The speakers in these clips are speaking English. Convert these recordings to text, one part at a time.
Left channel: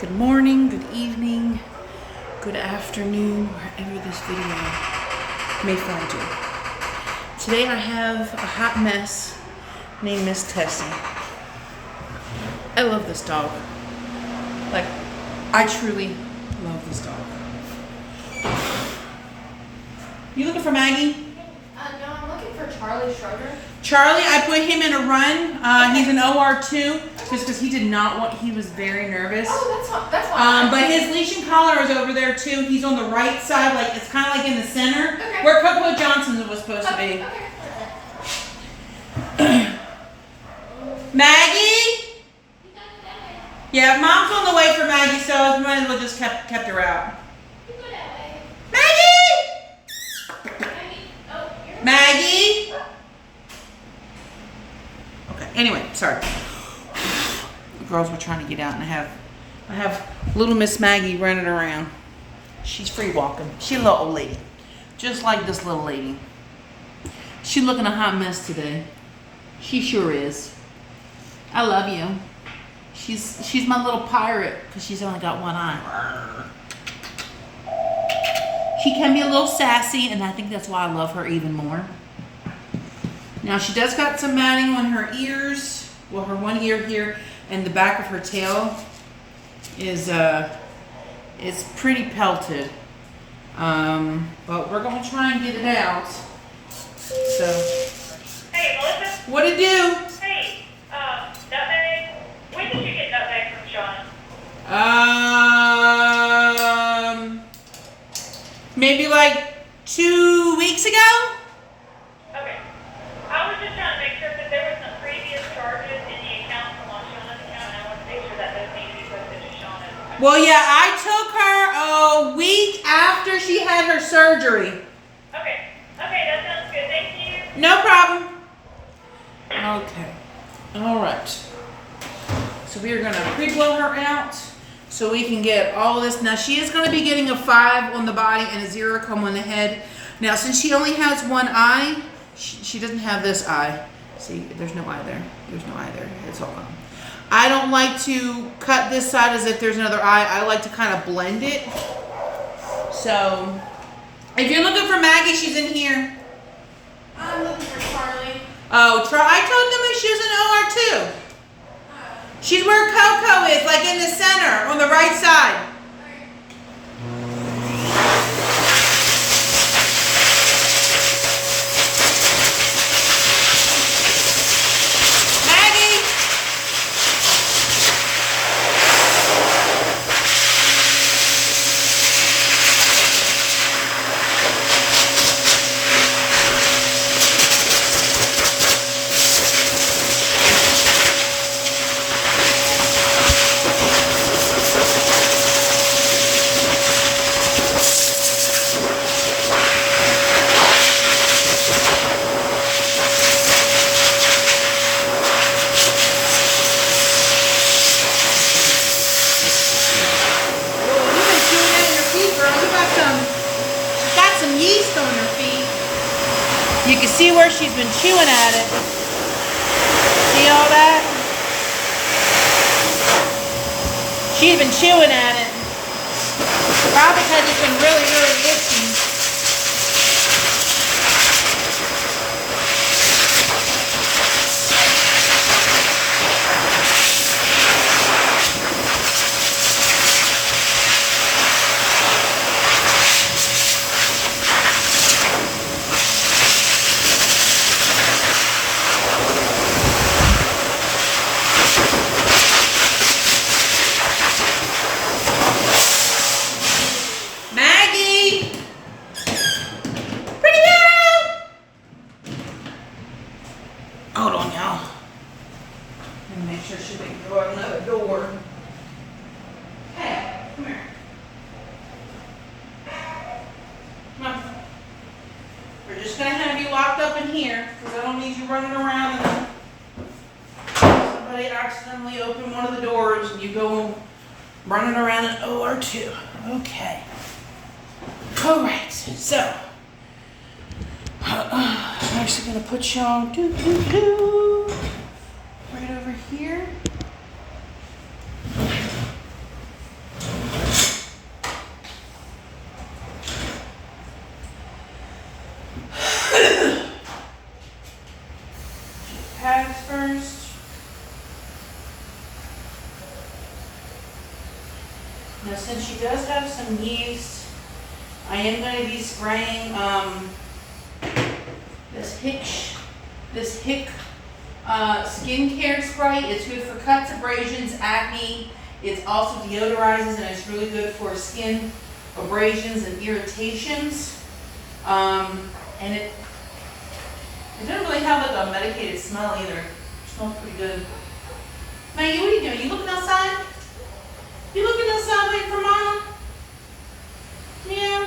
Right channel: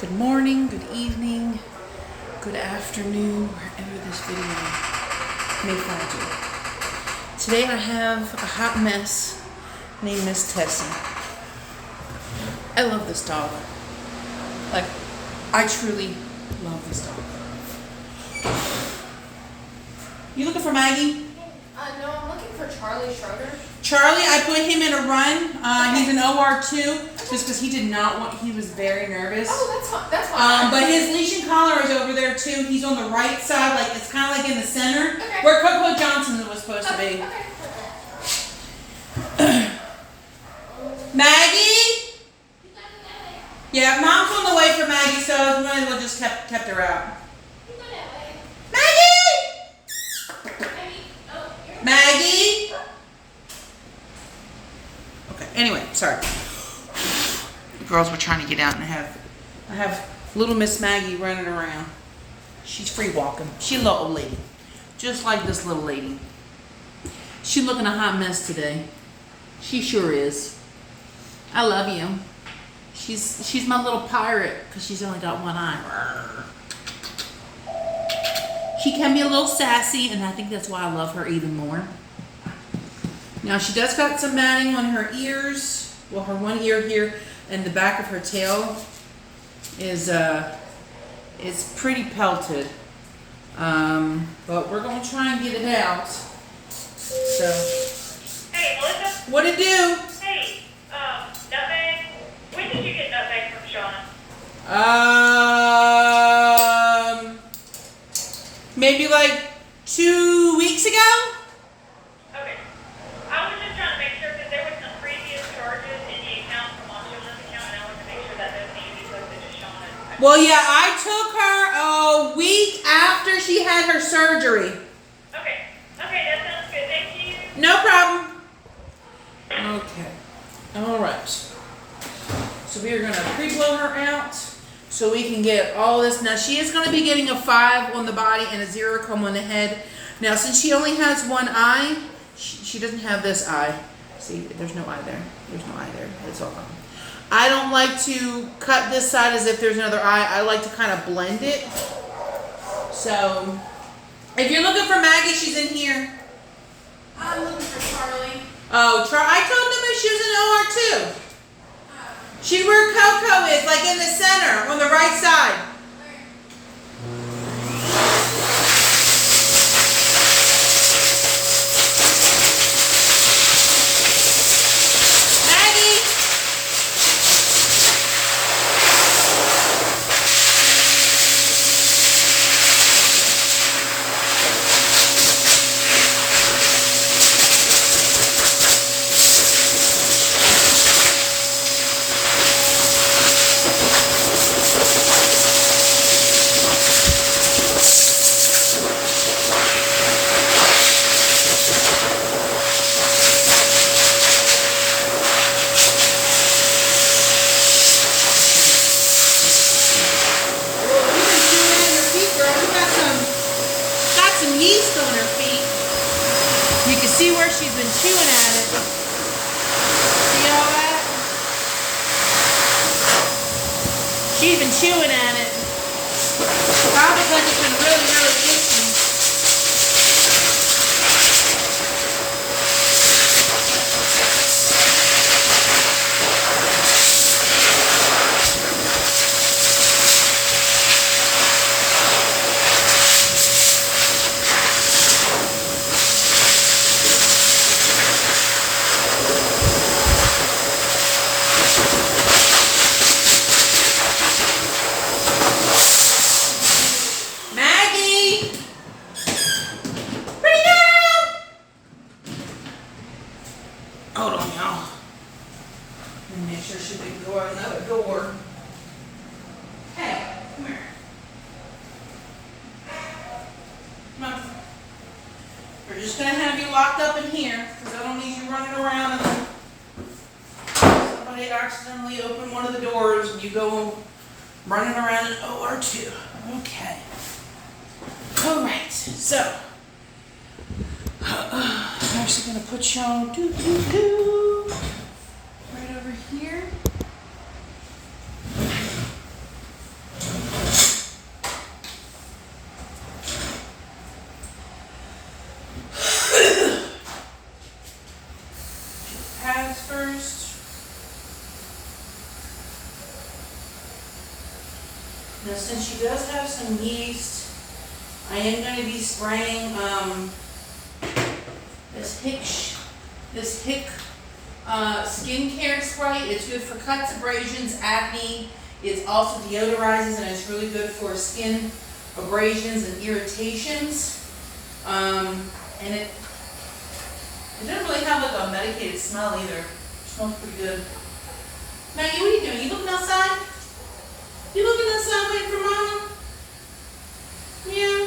Good morning, good evening, good afternoon, wherever this video may find you. Today I have a hot mess named Miss Tessie. I love this dog. Like, I truly love this dog. You looking for Maggie? No, I'm looking for Charlie Schroeder. Charlie, I put him in a run. He's an OR2 just because he did not want, he was very nervous. Oh, that's fine. But his leash and collar is over there too. He's on the right side, like it's kind of like in the center, Okay. where Coco Johnson's was supposed to be. Okay. Maggie? Yeah, Mom's on the way for Maggie, so I might as well just kept her out. Maggie? Maggie? Okay, anyway, sorry. The girls were trying to get out and I have little Miss Maggie running around. She's free walking. She's a little old lady. Just like this little lady. She's looking a hot mess today. She sure is. I love you. She's my little pirate because she's only got one eye. She can be a little sassy, and I think that's why I love her even more. Now she does got some matting on her ears. Well, her one ear here and the back of her tail is pretty pelted. But we're gonna try and get it out. So. Hey, Melissa. What it do? Hey, nutmeg. When did you get nutmeg from Shauna? Maybe like 2 weeks ago? Okay. I was just trying to make sure because there were some previous charges in the account from on Shauna's account, and I wanted to make sure that those need to be posted to Shauna's. Well, yeah, I took her a week after she had her surgery. Okay. Okay, that sounds good. Thank you. No problem. Okay. All right. So we are going to pre-blow her out so we can get all this. Now, she is going to be getting a 5 on the body and a 0 come on the head. Now, since she only has one eye, she doesn't have this eye. See, there's no eye there. There's no eye there. It's all gone. I don't like to cut this side as if there's another eye. I like to kind of blend it. So, if you're looking for Maggie, she's in here. I'm looking for Charlie. Oh, I told them that she was an OR2. She's where Coco is, like in the center, on the right side. Maggie! You can see where she's been chewing at it. See all that? She's been chewing at it. Probably because it's been really, really itchy. We're just going to have you locked up in here because I don't need you running around and somebody accidentally opened one of the doors and you go running around in OR2. Okay. All right. So, I'm actually going to put y'all right over here. Now, since she does have some yeast, I am going to be spraying this Hick skincare spray. It's good for cuts, abrasions, acne. It also deodorizes and it's really good for skin abrasions and irritations. And it doesn't really have like a medicated smell either. It smells pretty good. Maggie, what are you doing? You looking outside? You looking outside waiting for Mama? Yeah.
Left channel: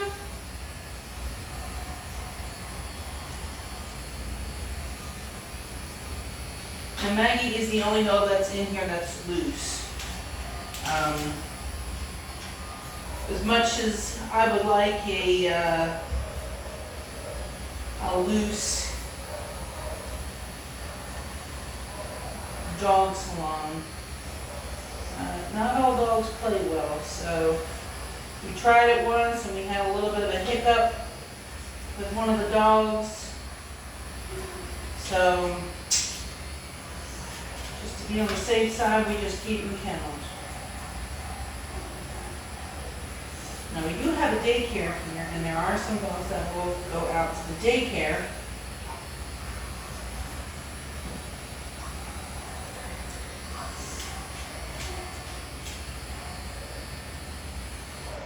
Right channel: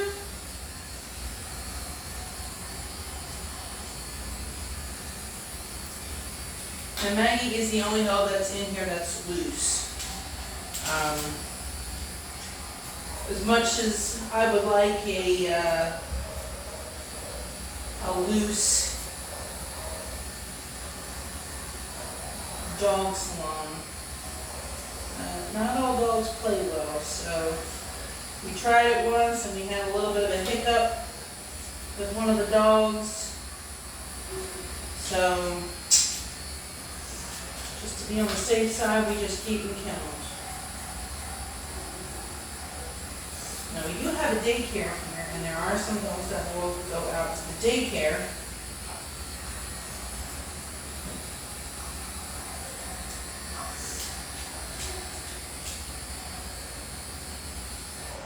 And Maggie is the only dog that's in here that's loose. As much as I would like a loose dog salon, not all dogs play well, so we tried it once and we had a little bit of a hiccup with one of the dogs. So just to be on the safe side, we just keep them kenneled. Now we do have a daycare here, and there are some dogs that will go out to the daycare.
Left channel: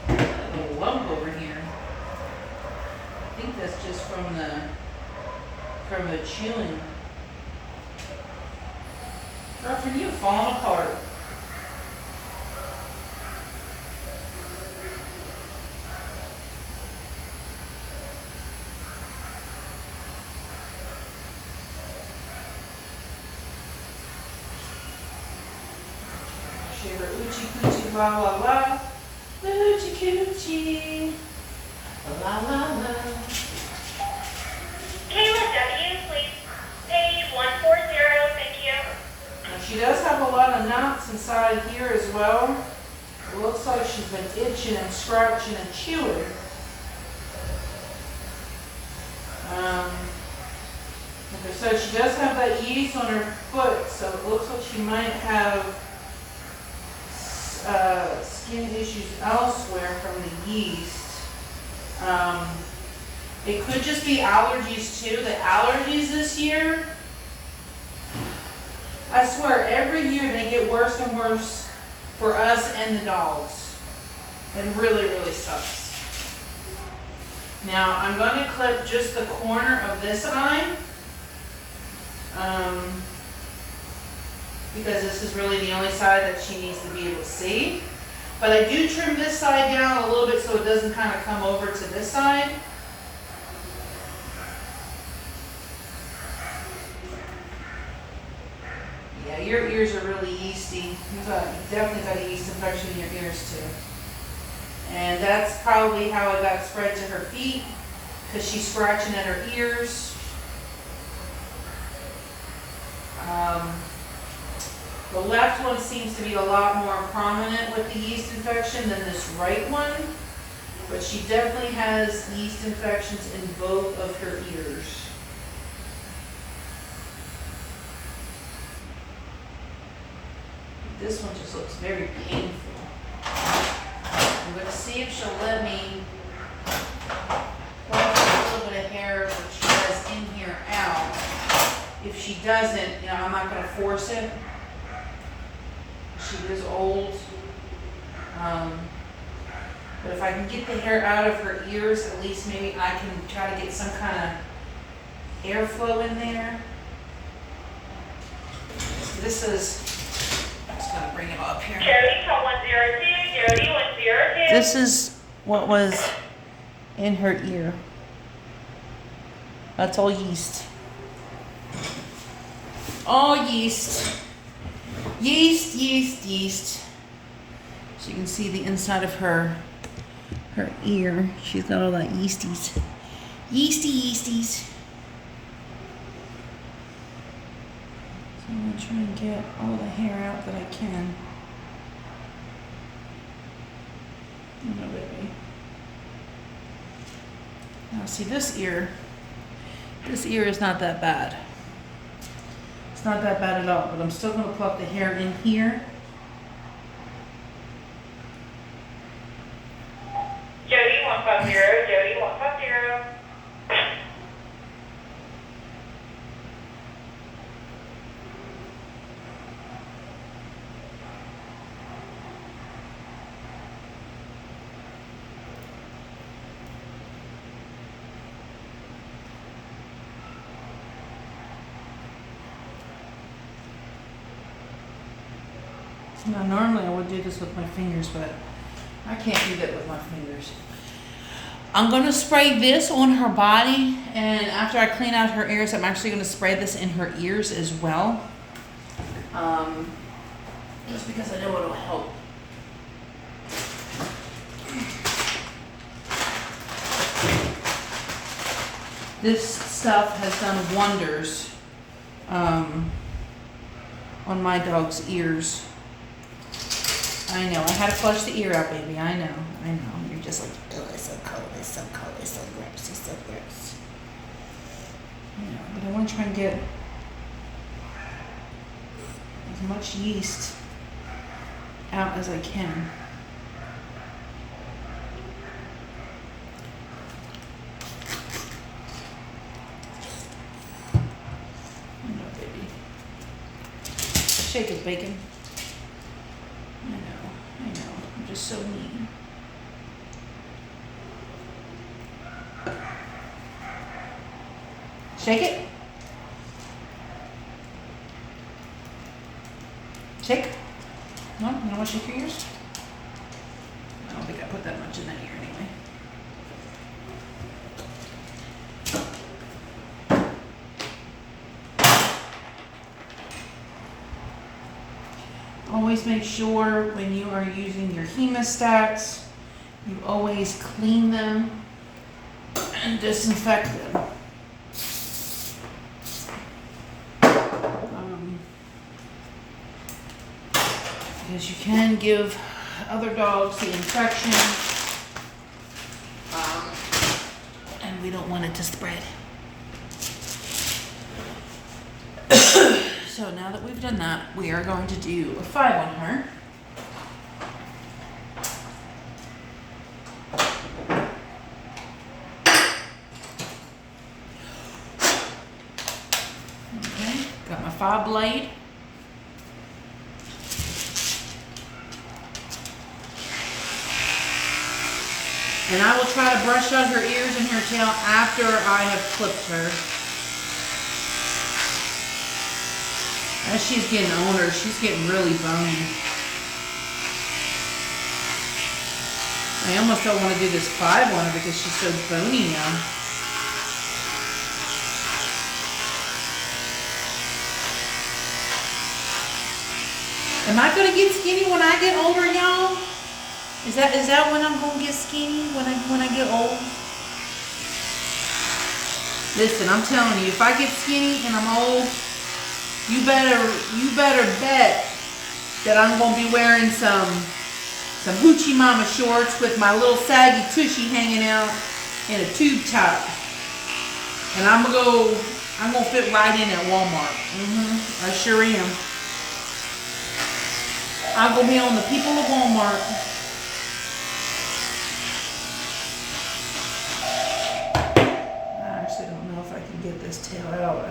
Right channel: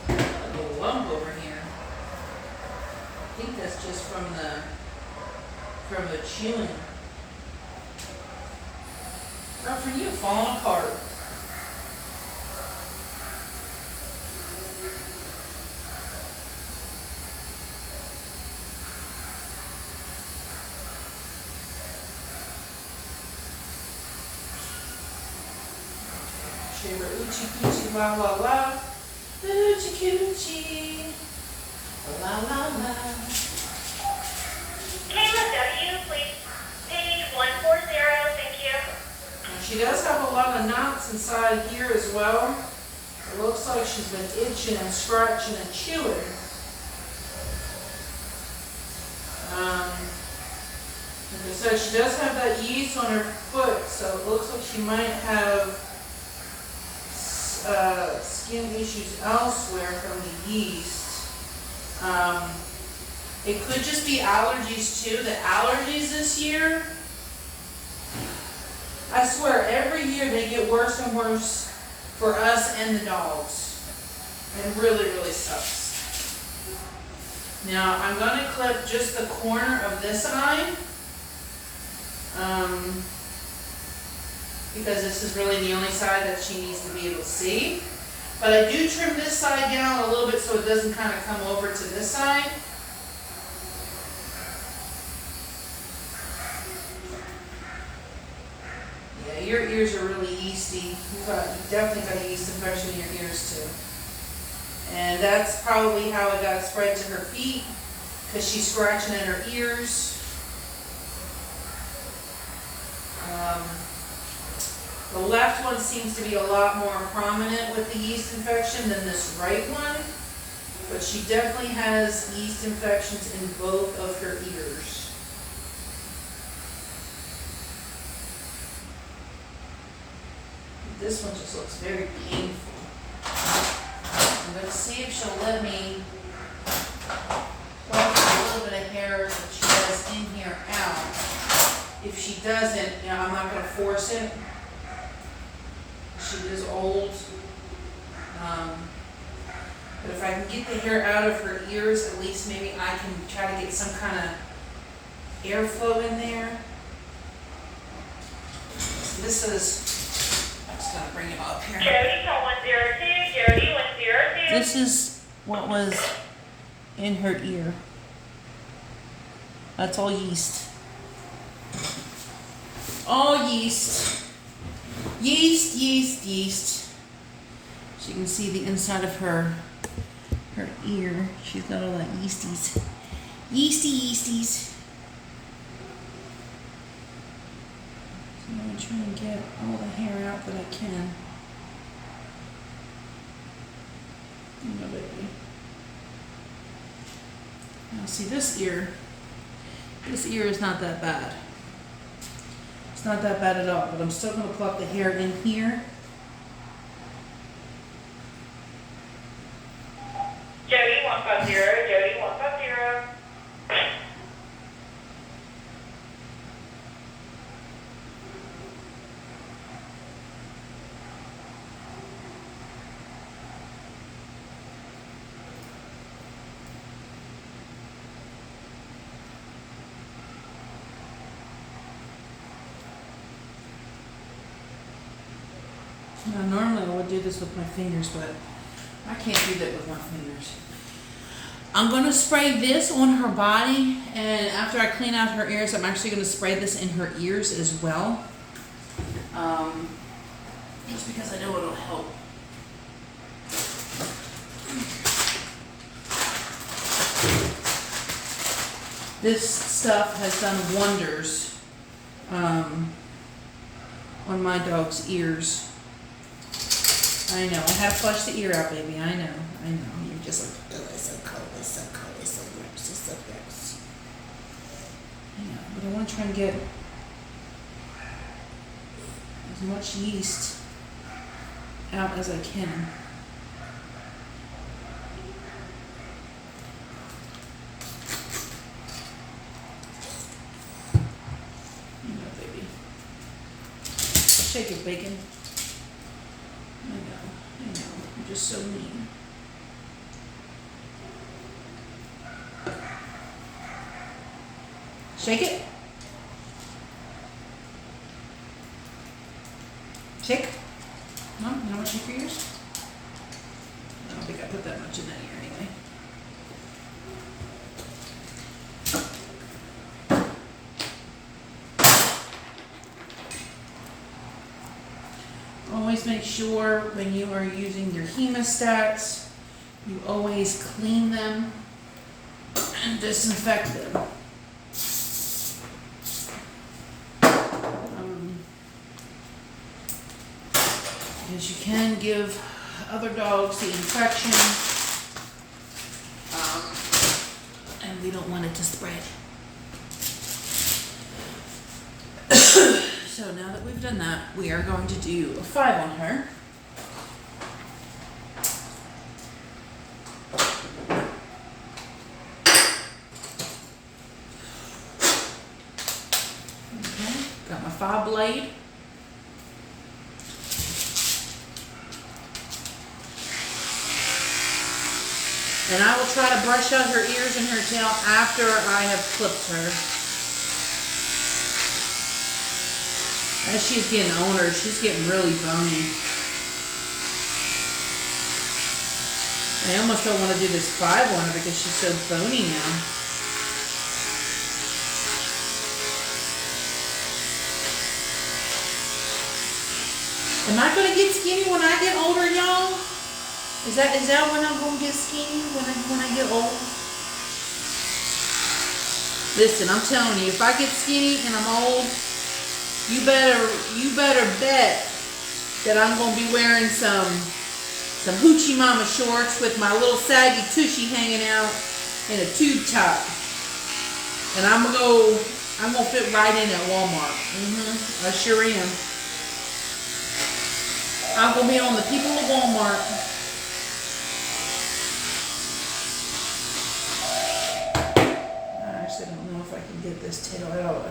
A little lump over here. I think that's just from the chewing. Girlfriend, you're falling apart. Shiver, oochie coochie, la la la. Oochie coochie, la la la. Kayla W, please. Page 140, thank you. Now, she does have a lot of knots inside here as well. It looks like she's been itching and scratching and chewing. Like I said, she does have that yeast on her foot, so it looks like she might have skin issues elsewhere from the yeast. It could just be allergies too. The allergies this year, I swear, every year they get worse and worse for us and the dogs. It really, really sucks. Now, I'm going to clip just the corner of this eye. Because this is really the only side that she needs to be able to see. But I do trim this side down a little bit so it doesn't kind of come over to this side. Yeah, your ears are really yeasty. You've definitely got a yeast infection in your ears too. And that's probably how it got spread to her feet, because she's scratching at her ears. The left one seems to be a lot more prominent with the yeast infection than this right one, but she definitely has yeast infections in both of her ears. This one just looks very painful. I'm going to see if she'll let me pluck a little bit of hair that she has in here out. If she doesn't, I'm not going to force it. She is old. But if I can get the hair out of her ears, at least maybe I can try to get some kind of airflow in there. So this is, I'm just going to bring it up here. Jody, call 102, Jody, 102. This is what was in her ear. That's all yeast. All yeast. Yeast, yeast, yeast. So you can see the inside of her ear. She's got all that yeasties. Yeasty, yeasties. So I'm going to try and get all the hair out that I can. Now see this ear is not that bad. It's not that bad at all, but I'm still going to pluck the hair in here. 150, Jody 150. Now, normally I would do this with my fingers, but I can't do that with my fingers. I'm going to spray this on her body, and after I clean out her ears, I'm actually going to spray this in her ears as well. Just because I know it'll help. This stuff has done wonders on my dog's ears. I know. I had to flush the ear out, baby. I know. You're just like, oh, it's so cold, it's so cold, it's so gross, it's so gross. Yeah, but I want to try and get as much yeast out as I can. I know, baby. Shake it, bacon. I know, I'm just so mean. Shake it. Shake. No, you don't want to shake your ears? I don't think I put that much in that ear anyway. Always make sure when you are using your hemostats, you always clean them and disinfect them. Because you can give other dogs the infection, and we don't want it to spread. So now that we've done that, we are going to do a 5 on her. Okay, got my 5 blade. And I will try to brush out her ears and her tail after I have clipped her. As she's getting older, she's getting really bony. I almost don't want to do this 5 on her because she's so bony now. Am I going to get skinny when I get older, y'all? Is that when I'm going to get skinny, when I get old? Listen, I'm telling you, if I get skinny and I'm old, you better bet that I'm going to be wearing some hoochie mama shorts with my little saggy tushy hanging out and a tube top. And I'm going to fit right in at Walmart. I sure am. I'm going to be on the people of Walmart. I don't know if I can get this tail out.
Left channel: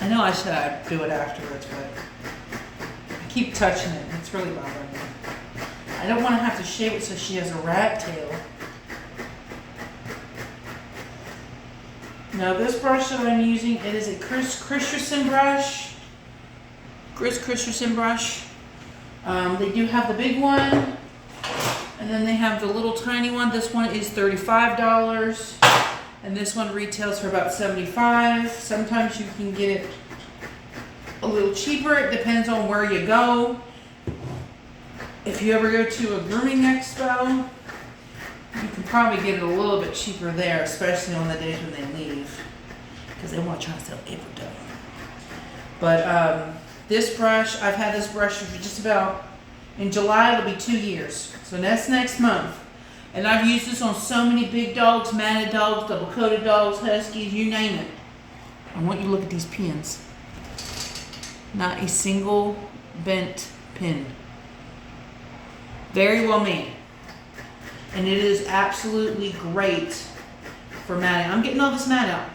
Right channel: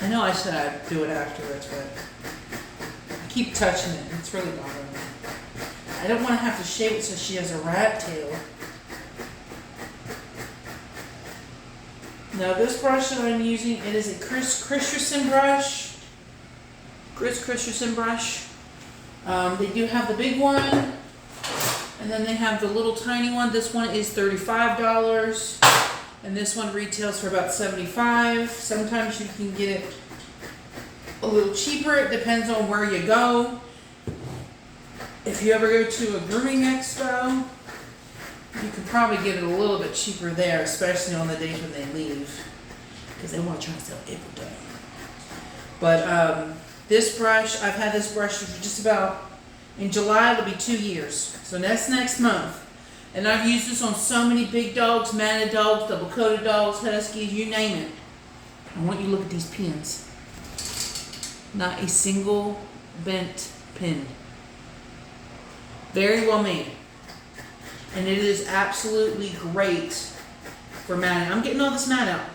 I know I said I'd do it afterwards, but I keep touching it. It's really bothering me. I don't want to have to shave it so she has a rat tail. Now this brush that I'm using, it is a Christensen brush. Christensen brush. They do have the big one. And then they have the little tiny one. This one is $35. And this one retails for about $75. Sometimes you can get it a little cheaper. It depends on where you go. If you ever go to a grooming expo, you can probably get it a little bit cheaper there, especially on the days when they leave. Because they want to try to sell everything. But this brush, I've had this brush for just about, in July it'll be 2 years. So that's next month. And I've used this on so many big dogs, matted dogs, double-coated dogs, huskies, you name it. I want you to look at these pins. Not a single bent pin. Very well made. And it is absolutely great for matting. I'm getting all this mat out.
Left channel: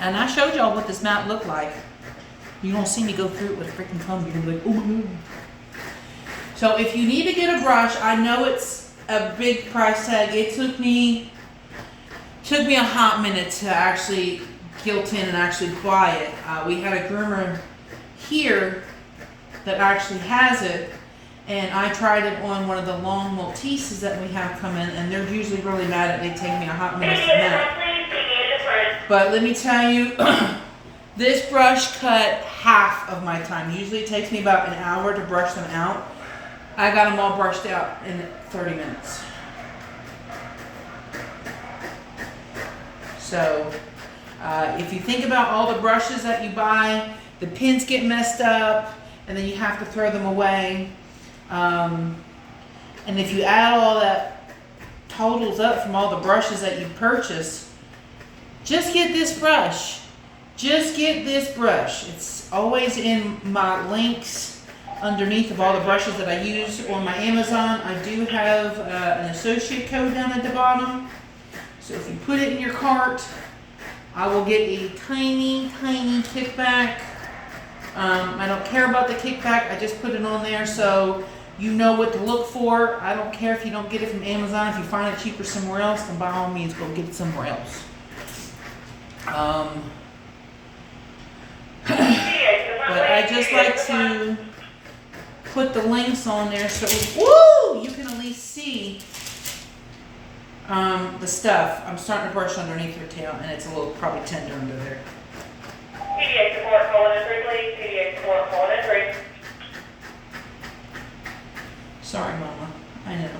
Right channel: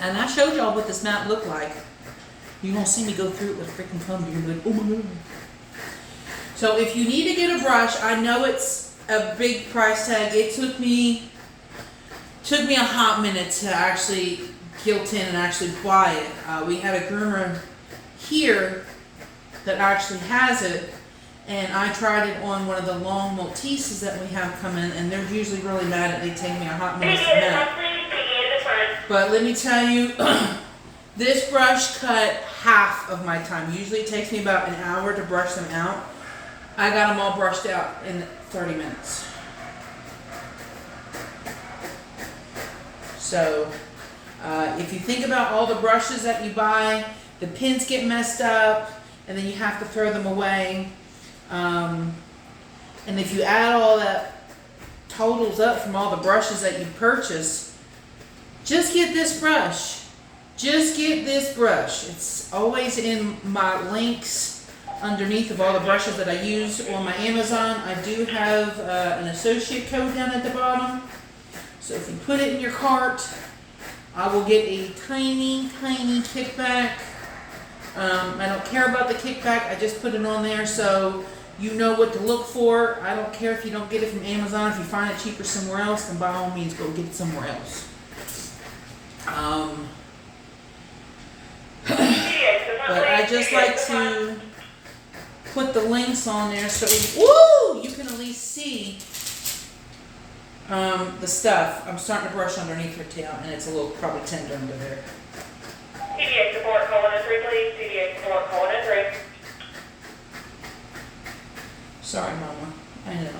And I showed y'all what this mat looked like. You don't see me go through it with a freaking comb. You're gonna be like, oh my God. So if you need to get a brush, I know it's a big price tag. It took me a hot minute to actually guilt in and actually buy it. We had a groomer here that actually has it, and I tried it on one of the long Malteses that we have coming, and they're usually really mad at it. They take me a hot minute to mat. But let me tell you, this brush cut half of my time. Usually it takes me about an hour to brush them out. I got them all brushed out in 30 minutes. So, if you think about all the brushes that you buy, the pins get messed up, and then you have to throw them away. And if you add all that totals up from all the brushes that you purchase, just get this brush. Just get this brush. It's always in my links underneath of all the brushes that I use on my Amazon. I do have an associate code down at the bottom. So if you put it in your cart, I will get a tiny, tiny kickback. I don't care about the kickback. I just put it on there so you know what to look for. I don't care if you don't get it from Amazon. If you find it cheaper somewhere else, then by all means go get it somewhere else. But I just like to put the links on there so you can at least see the stuff. I'm starting to brush underneath her tail, and it's a little probably tender under there. TDA support calling in 3, please. TDA support calling in 3. Sorry, Mama. I know.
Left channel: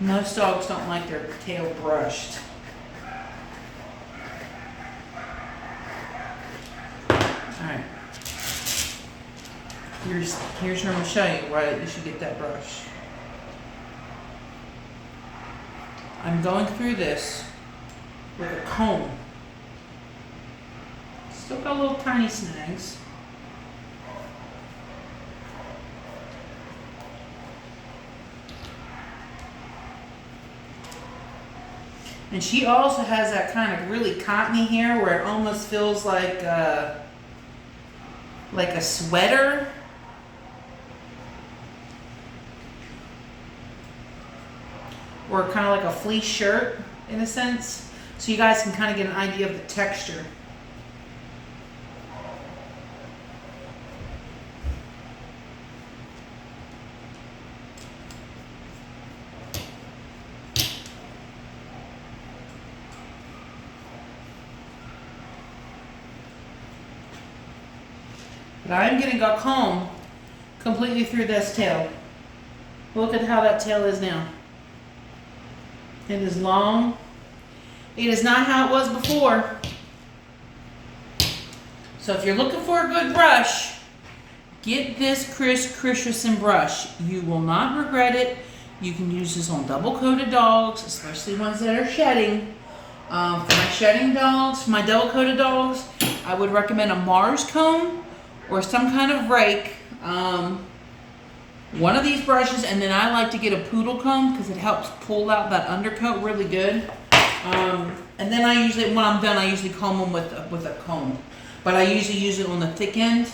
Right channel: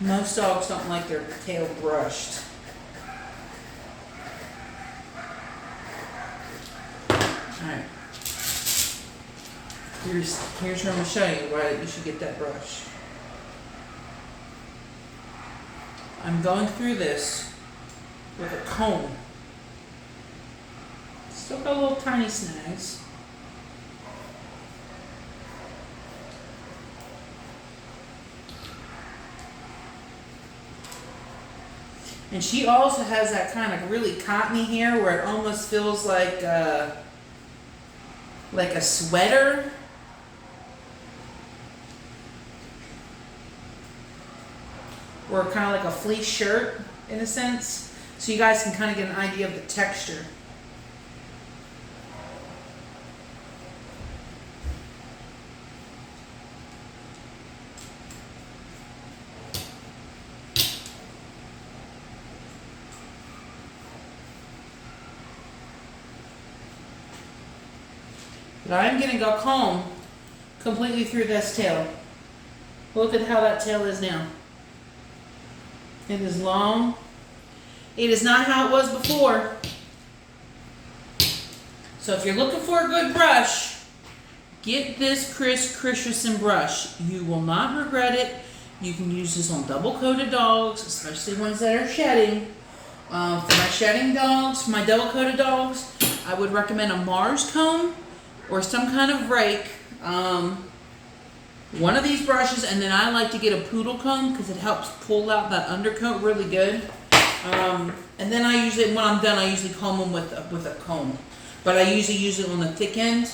Most dogs don't like their tail brushed. Alright. Here's where I'm going to show you why you should get that brush. I'm going through this with a comb. Still got little tiny snags. And she also has that kind of really cottony hair where it almost feels like a sweater. Or kind of like a fleece shirt in a sense. So you guys can kind of get an idea of the texture. But I'm getting a comb completely through this tail. Look at how that tail is now. It is long. It is not how it was before. So if you're looking for a good brush, get this Chris Christensen brush. You will not regret it. You can use this on double-coated dogs, especially ones that are shedding. For my shedding dogs, my double-coated dogs, I would recommend a Mars comb or some kind of rake. One of these brushes, and then I like to get a poodle comb because it helps pull out that undercoat really good. And then I usually, when I'm done, I usually comb them with a comb. But I usually use it on the thick end.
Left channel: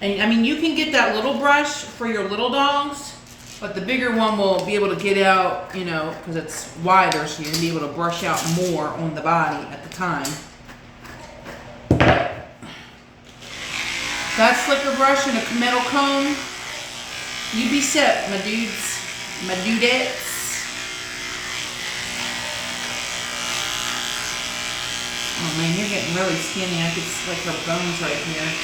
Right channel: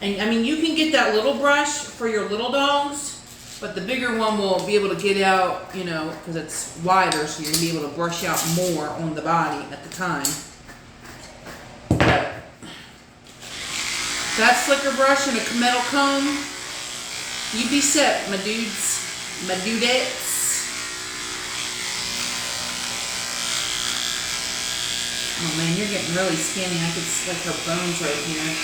And I mean, you can get that little brush for your little dogs, but the bigger one will be able to get out, you know, because it's wider, so you're going to be able to brush out more on the body at the time. That slicker brush and a metal comb, you be set, my dudes, my dudettes. Oh man, you're getting really skinny. I could see like her bones right here.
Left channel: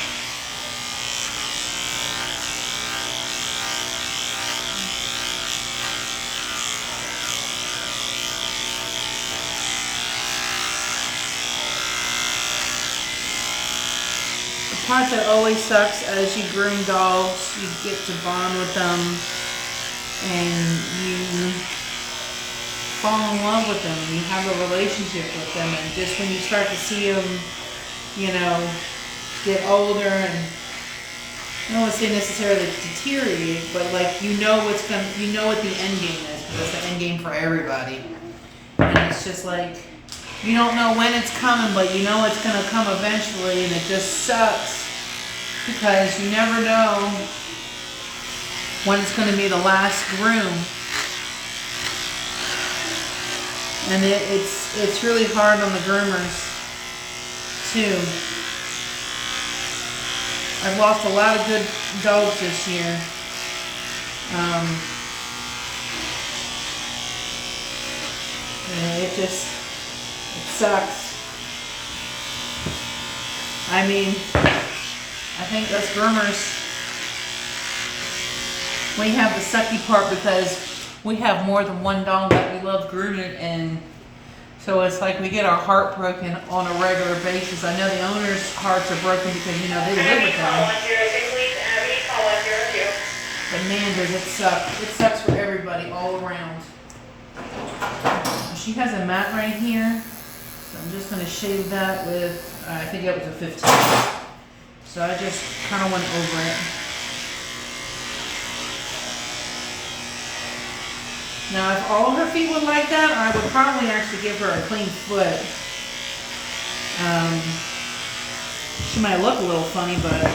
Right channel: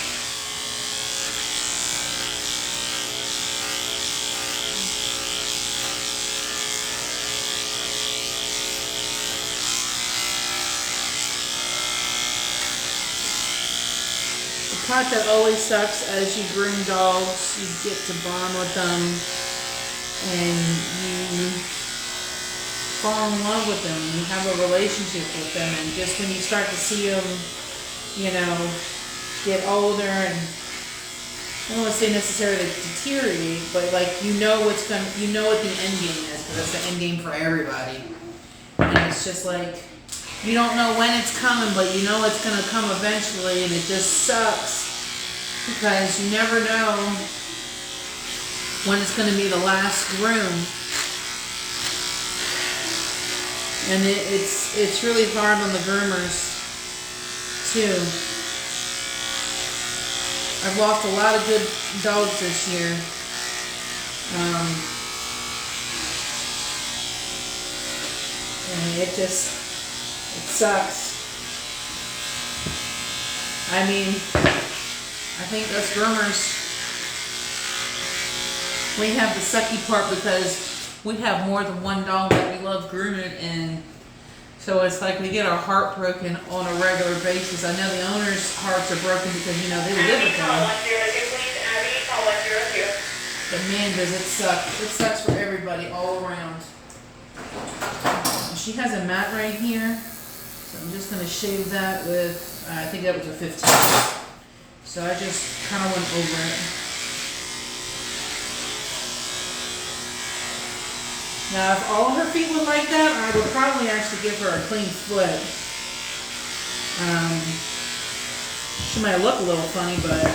The part that always sucks as you groom dogs, you get to bond with them and you fall in love with them. You have a relationship with them, and just when you start to see them, you know, get older and I don't want to say necessarily deteriorate, but like you know what the end game is because it's the end game for everybody. And it's just like you don't know when it's coming, but you know it's gonna come eventually, and it just sucks because you never know when it's gonna be the last groom. And it's really hard on the groomers too. I've lost a lot of good dogs this year. And it sucks. I mean, I think us groomers, we have the sucky part because we have more than one dog that we love grooming, and so it's like we get our heart broken on a regular basis. I know the owners' hearts are broken because, you know, they live with them. But man, does it suck. It sucks for everybody all around. She has a mat right here, so I'm just going to shave that with, I think that was a 15. So I just kind of went over it. Now, if all her feet were like that, I would probably actually give her a clean foot. She might look a little funny, but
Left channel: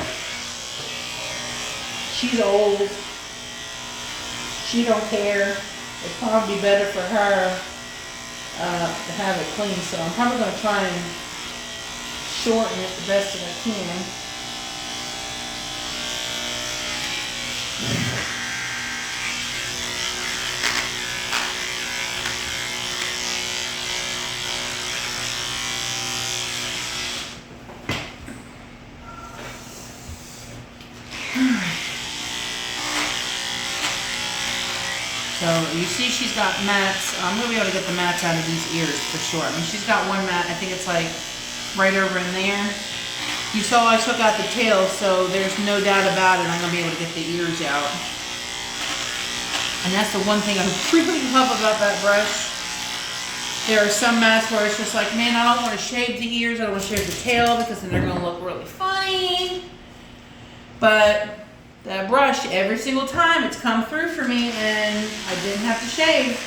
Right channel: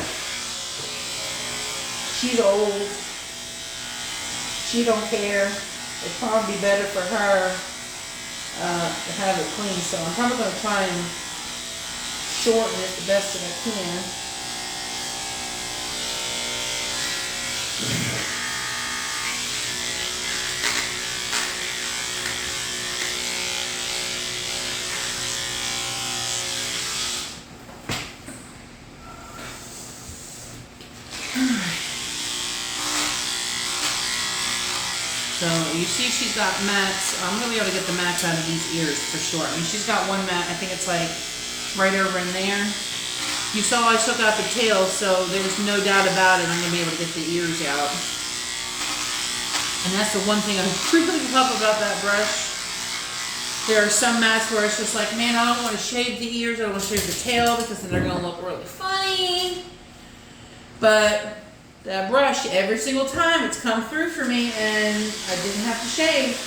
she's old. She don't care. It'd probably be better for her to have it clean. So I'm probably going to try and shorten it the best that I can. So you see she's got mats. I'm going to be able to get the mats out of these ears for sure. I mean, she's got one mat. I think it's like right over in there. You saw I took out the tail, so there's no doubt about it. I'm going to be able to get the ears out. And that's the one thing I really love about that brush. There are some mats where it's just like, man, I don't want to shave the ears. I don't want to shave the tail because then they're going to look really funny. But that brush, every single time it's come through for me and I didn't have to shave.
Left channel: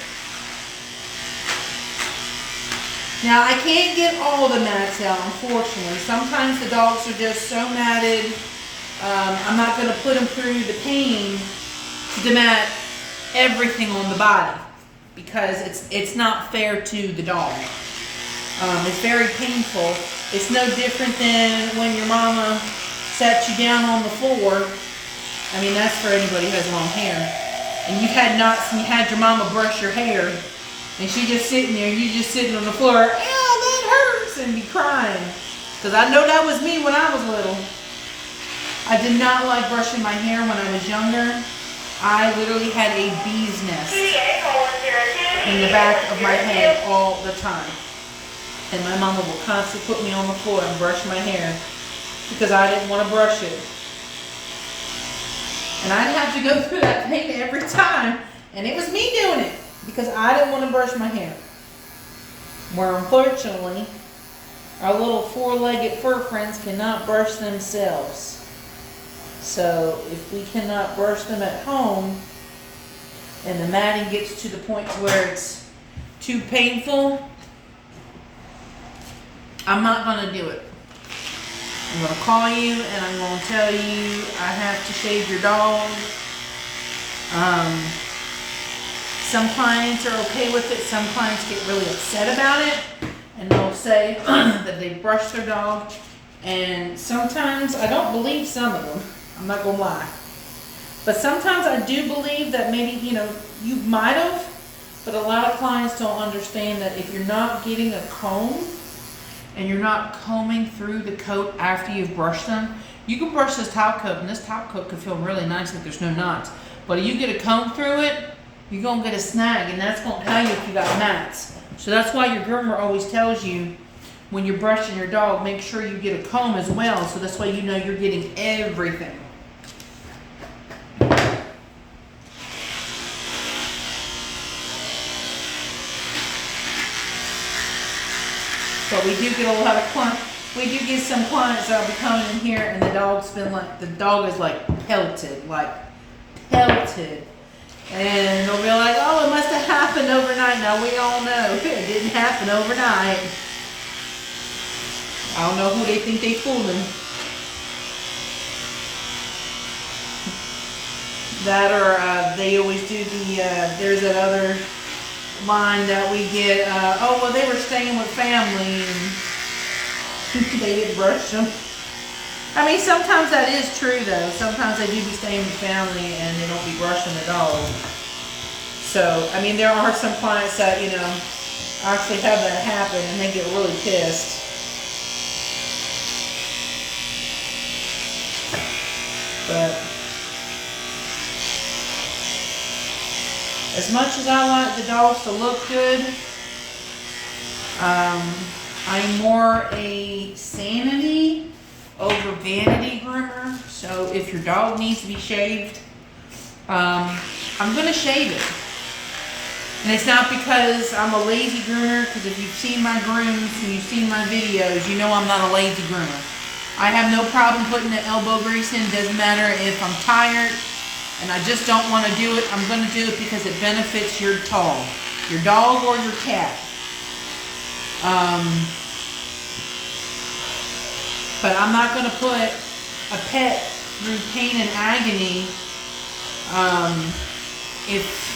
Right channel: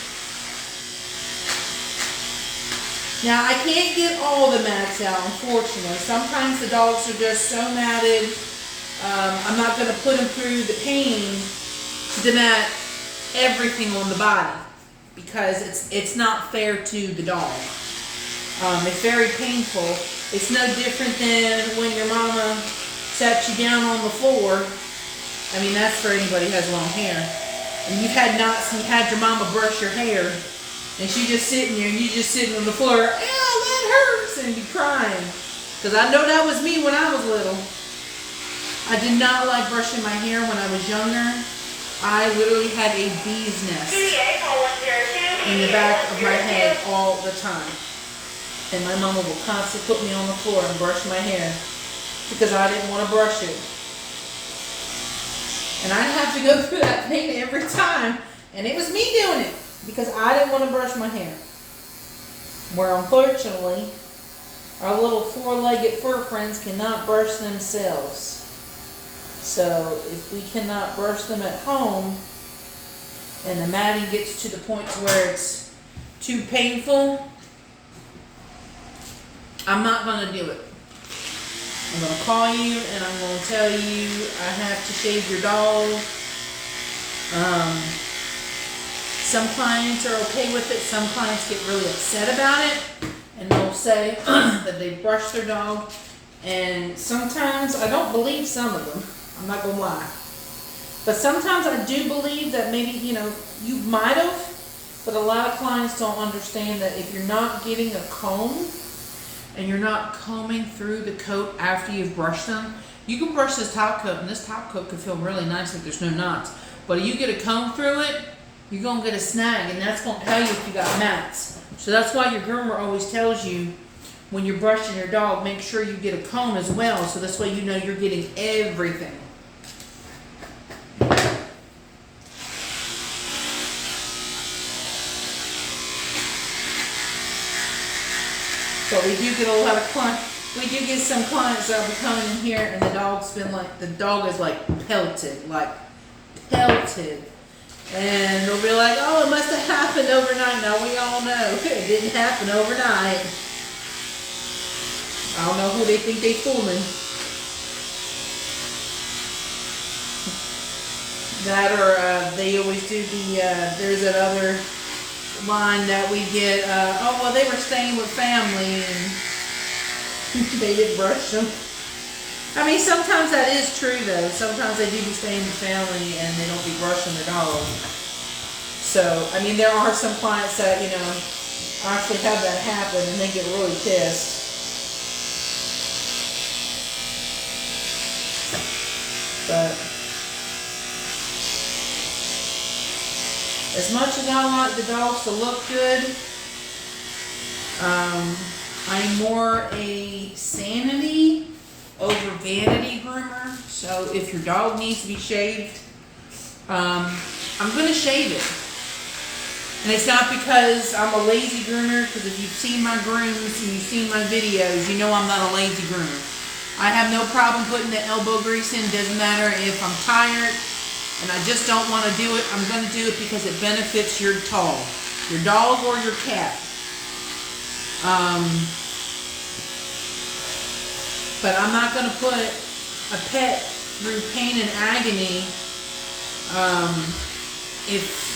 Now I can't get all the mats out, unfortunately. Sometimes the dogs are just so matted. I'm not going to put them through the pain to demat everything on the body because it's not fair to the dog. It's very painful. It's no different than when your mama sat you down on the floor. I mean, that's for anybody who has long hair. And you had your mama brush your hair, and she just sitting there, and you just sitting on the floor, that hurts, and you crying. Because I know that was me when I was little. I did not like brushing my hair when I was younger. I literally had a bee's nest in the back of my head all the time. And my mama would constantly put me on the floor and brush my hair because I didn't want to brush it. And I'd have to go through that pain every time. And it was me doing it because I didn't want to brush my hair. Where unfortunately, our little four-legged fur friends cannot brush themselves. So if we cannot brush them at home and the matting gets to the point to where it's too painful, I'm not going to do it. I'm going to call you and I'm going to tell you I have to shave your dog. Some clients are okay with it. Some clients get really upset about it. And they'll say that they brushed their dog. And sometimes, I don't believe some of them. I'm not going to lie. But sometimes I do believe that maybe, you might have. But a lot of clients don't understand that if you're not getting a comb, and you're not combing through the coat after you've brushed them, you can brush this top coat, and this top coat can feel really nice if there's no knots. But if you get a comb through it, you're going to get a snag, and that's going to tell you if you got mats. So that's why your groomer always tells you when you're brushing your dog, make sure you get a comb as well, so this way you know you're getting everything. But we do get a lot of we do get some clients that'll be coming in here and the dog is like pelted. And they'll be like, oh, it must have happened overnight. Now we all know it didn't happen overnight. I don't know who they think they fooling. That or they always do there's that other line that we get, oh, well, they were staying with family and they didn't brush them. I mean, sometimes that is true, though. Sometimes they do be staying with family and they don't be brushing the dog. So, I mean, there are some clients that, you know, actually have that happen and they get really pissed. But as much as I like the dogs to look good, I'm more a sanity over vanity groomer. So if your dog needs to be shaved, I'm gonna shave it. And it's not because I'm a lazy groomer, because if you've seen my grooms and you've seen my videos, you know I'm not a lazy groomer. I have no problem putting the elbow grease in. Doesn't matter if I'm tired and I just don't want to do it. I'm going to do it because it benefits your dog or your cat. But I'm not going to put a pet through pain and agony if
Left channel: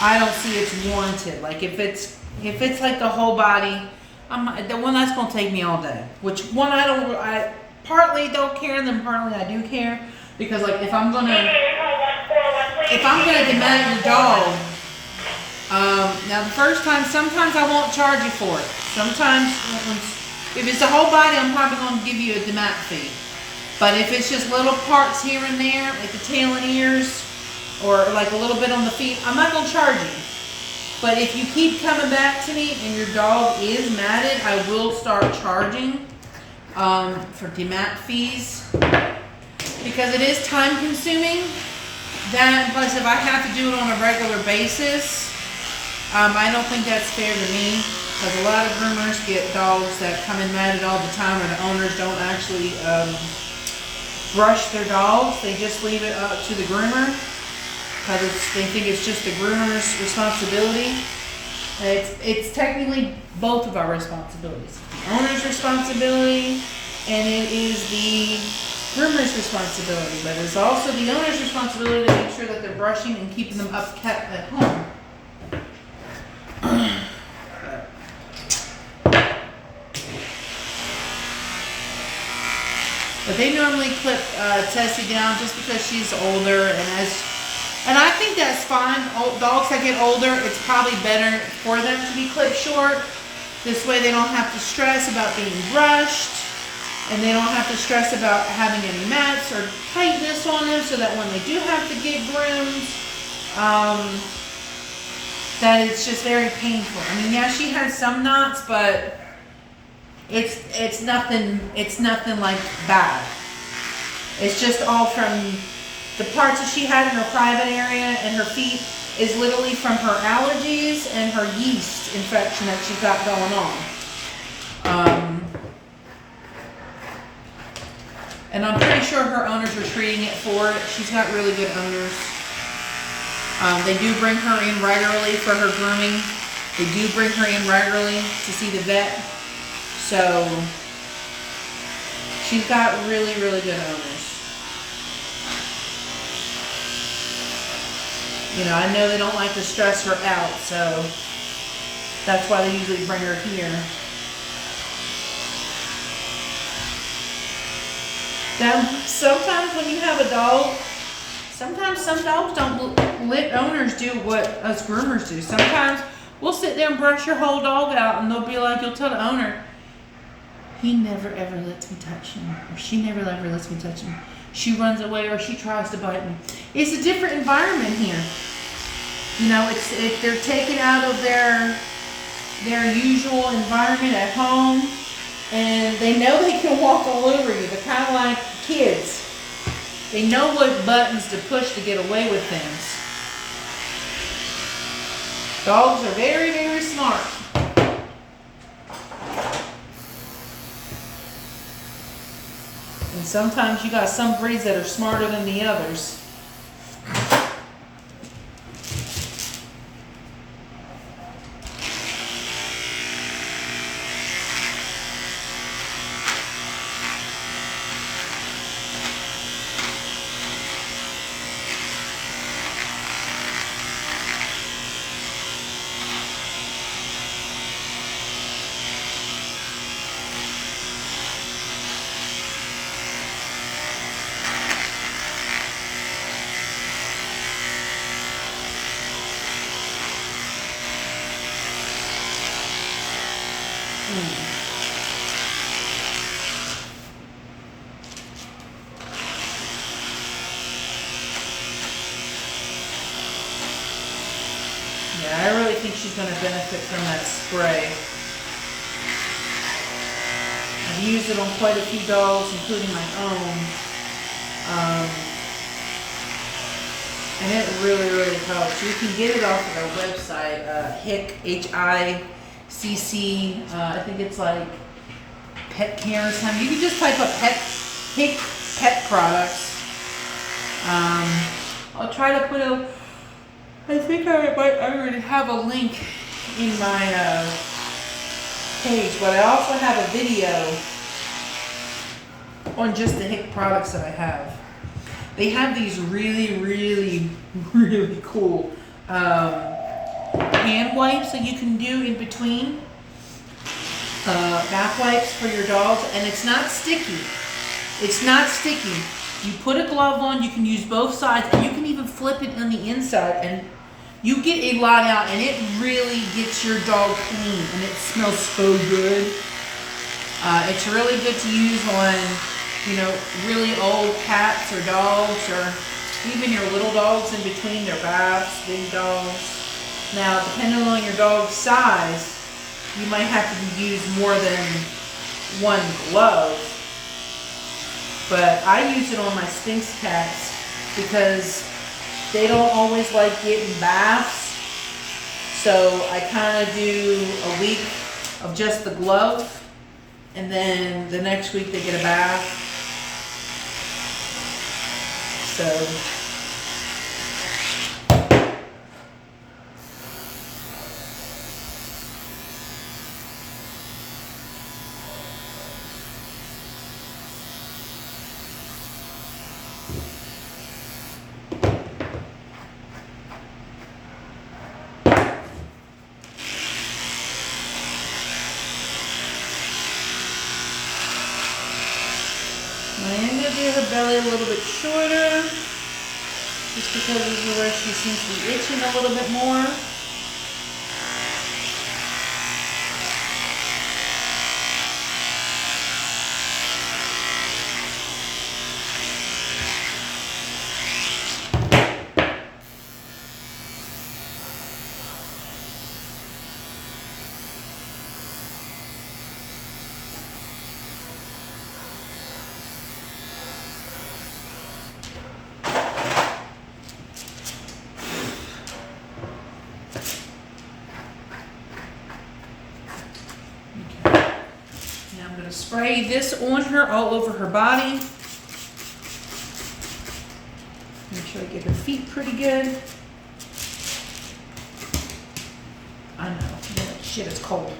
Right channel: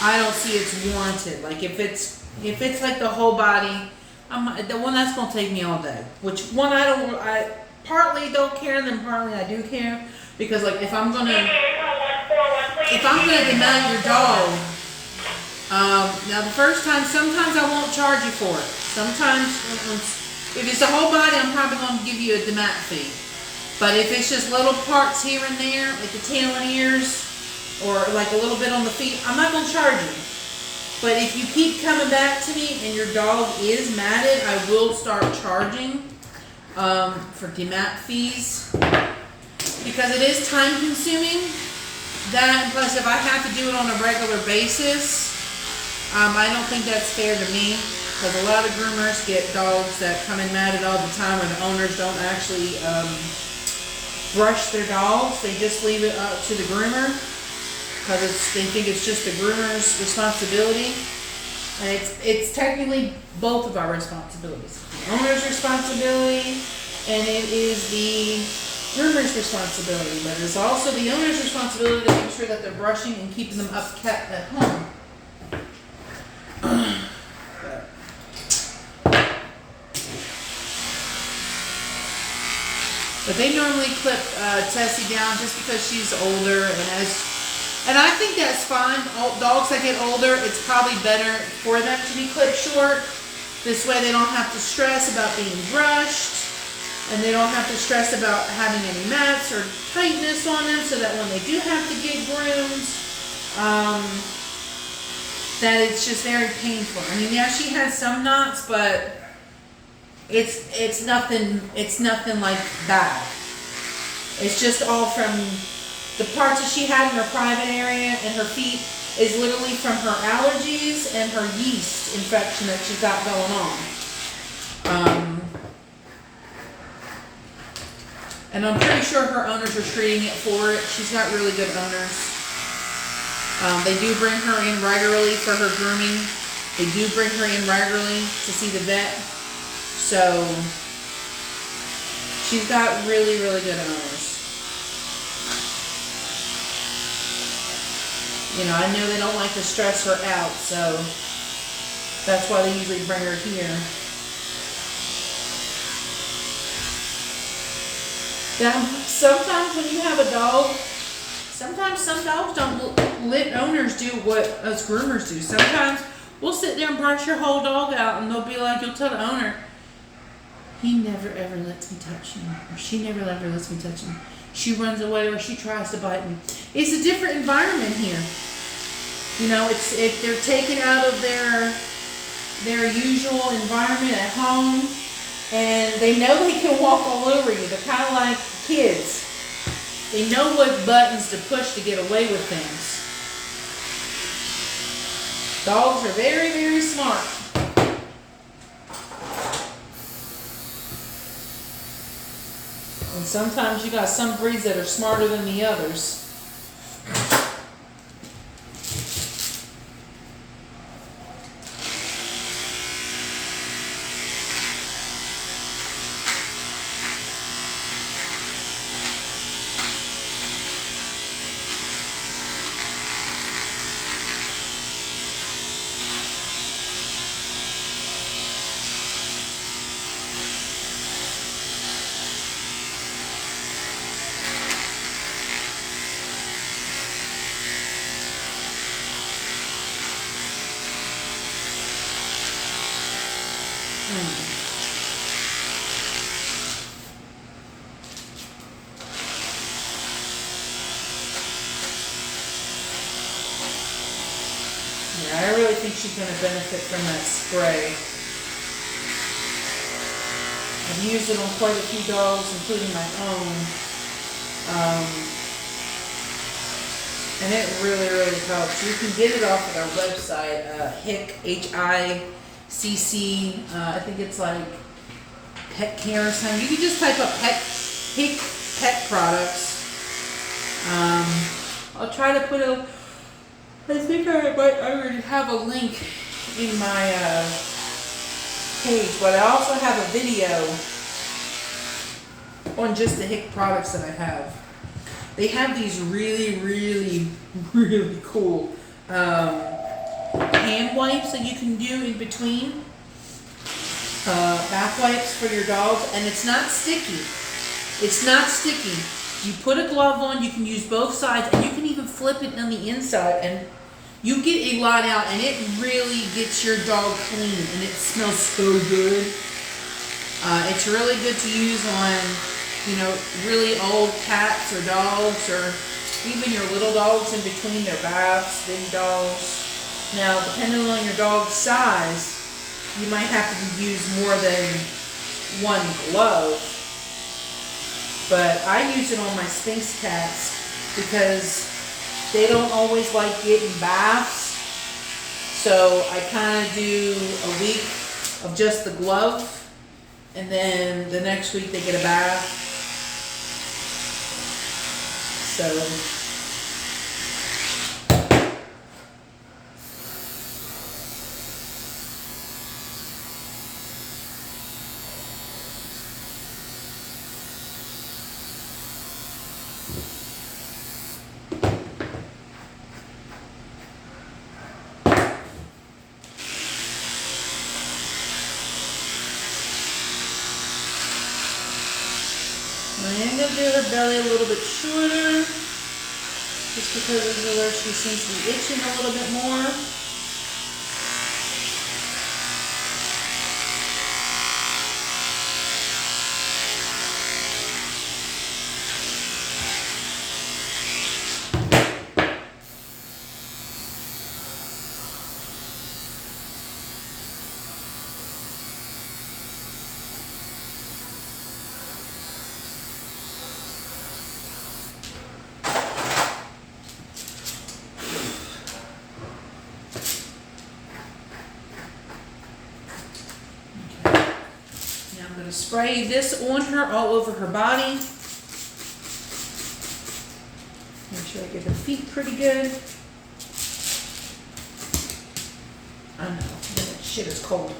I don't see it's warranted. Like if it's like the whole body, the one that's going to take me all day. Which one I partly don't care, and then partly I do care, because like if I'm gonna demount your dog, now the first time, sometimes I won't charge you for it. Sometimes, if it's the whole body, I'm probably going to give you a demount fee. But if it's just little parts here and there, like the tail and ears, or like a little bit on the feet, I'm not going to charge you. But if you keep coming back to me and your dog is matted, I will start charging for demount fees, because it is time consuming. That, plus if I have to do it on a regular basis, I don't think that's fair to me, because a lot of groomers get dogs that come in matted all the time, or the owners don't actually brush their dogs. They just leave it up to the groomer, because they think it's just the groomer's responsibility. It's technically both of our responsibilities. The owner's responsibility, and it is the groomer's responsibility. But it's also the owner's responsibility to make sure that they're brushing and keeping them kept at home. But they normally clip Tessie down just because she's older, and I think that's fine. Dogs that get older, it's probably better for them to be clipped short. This way they don't have to stress about being brushed, and they don't have to stress about having any mats or tightness on them, so that when they do have to get groomed, that it's just very painful. I mean, yeah, she has some knots, but it's nothing like bad. It's just all from the parts that she had in her private area and her feet is literally from her allergies and her yeast infection that she's got going on. And I'm pretty sure her owners are treating it for it. She's got really good owners. They do bring her in regularly for her grooming. They do bring her in regularly to see the vet. So she's got really, really good owners. You know, I know they don't like to stress her out, so that's why they usually bring her here. Then sometimes when you have a dog, sometimes some dogs don't let owners do what us groomers do. Sometimes we'll sit there and brush your whole dog out, and they'll be like, you'll tell the owner, he never ever lets me touch him, or she never ever lets me touch him. She runs away, or she tries to bite me. It's a different environment here. You know, if they're taken out of their usual environment at home, and they know they can walk all over you. They're kind of like kids. They know what buttons to push to get away with things. Dogs are very, very smart. And sometimes you got some breeds that are smarter than the others. Yeah, I really think she's going to benefit from that spray. I've used it on quite a few dogs, including my own. And it really, really helps. You can get it off of our website, HICC, HICC. I think it's like pet care or something. You can just type up HICC pet products. I'll try to put I think I might already have a link in my page, but I also have a video on just the HICC products that I have. They have these really, really, really cool hand wipes that you can do in between bath wipes for your dogs, and it's not sticky. It's not sticky. You put a glove on, you can use both sides, and you can even flip it on the inside, and you get a lot out, and it really gets your dog clean, and it smells so good. It's really good to use on, you know, really old cats or dogs, or even your little dogs in between their baths, big dogs. Now, depending on your dog's size, you might have to use more than one glove. But I use it on my Sphinx cats because they don't always like getting baths. So I kind of do a week of just the glove, and then the next week they get a bath. So I am going to do her belly a little bit shorter, just because this is where she seems to be itching a little bit more. Spray this on her all over her body. Make sure I get her feet pretty good. I know, that shit is cold.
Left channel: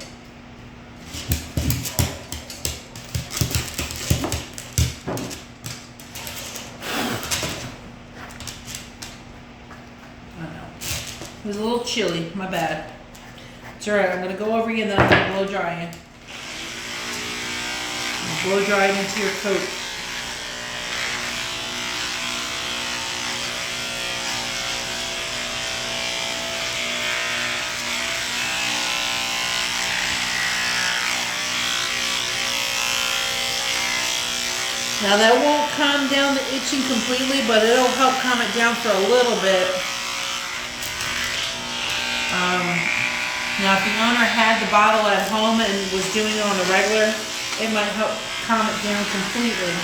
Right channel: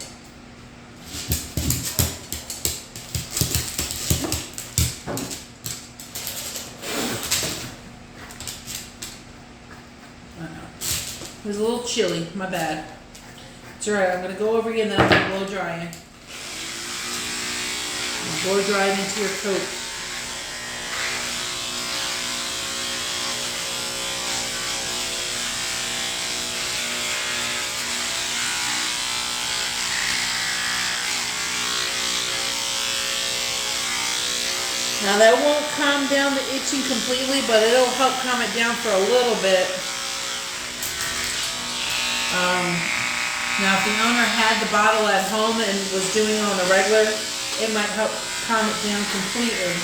I know. It was a little chilly, my bad. It's alright, I'm gonna go over you and then I'm gonna blow dry you. Blow dry it into your coat. Now that won't calm down the itching completely, but it'll help calm it down for a little bit. Now if the owner had the bottle at home and was doing it on the regular, it might help calm it down completely.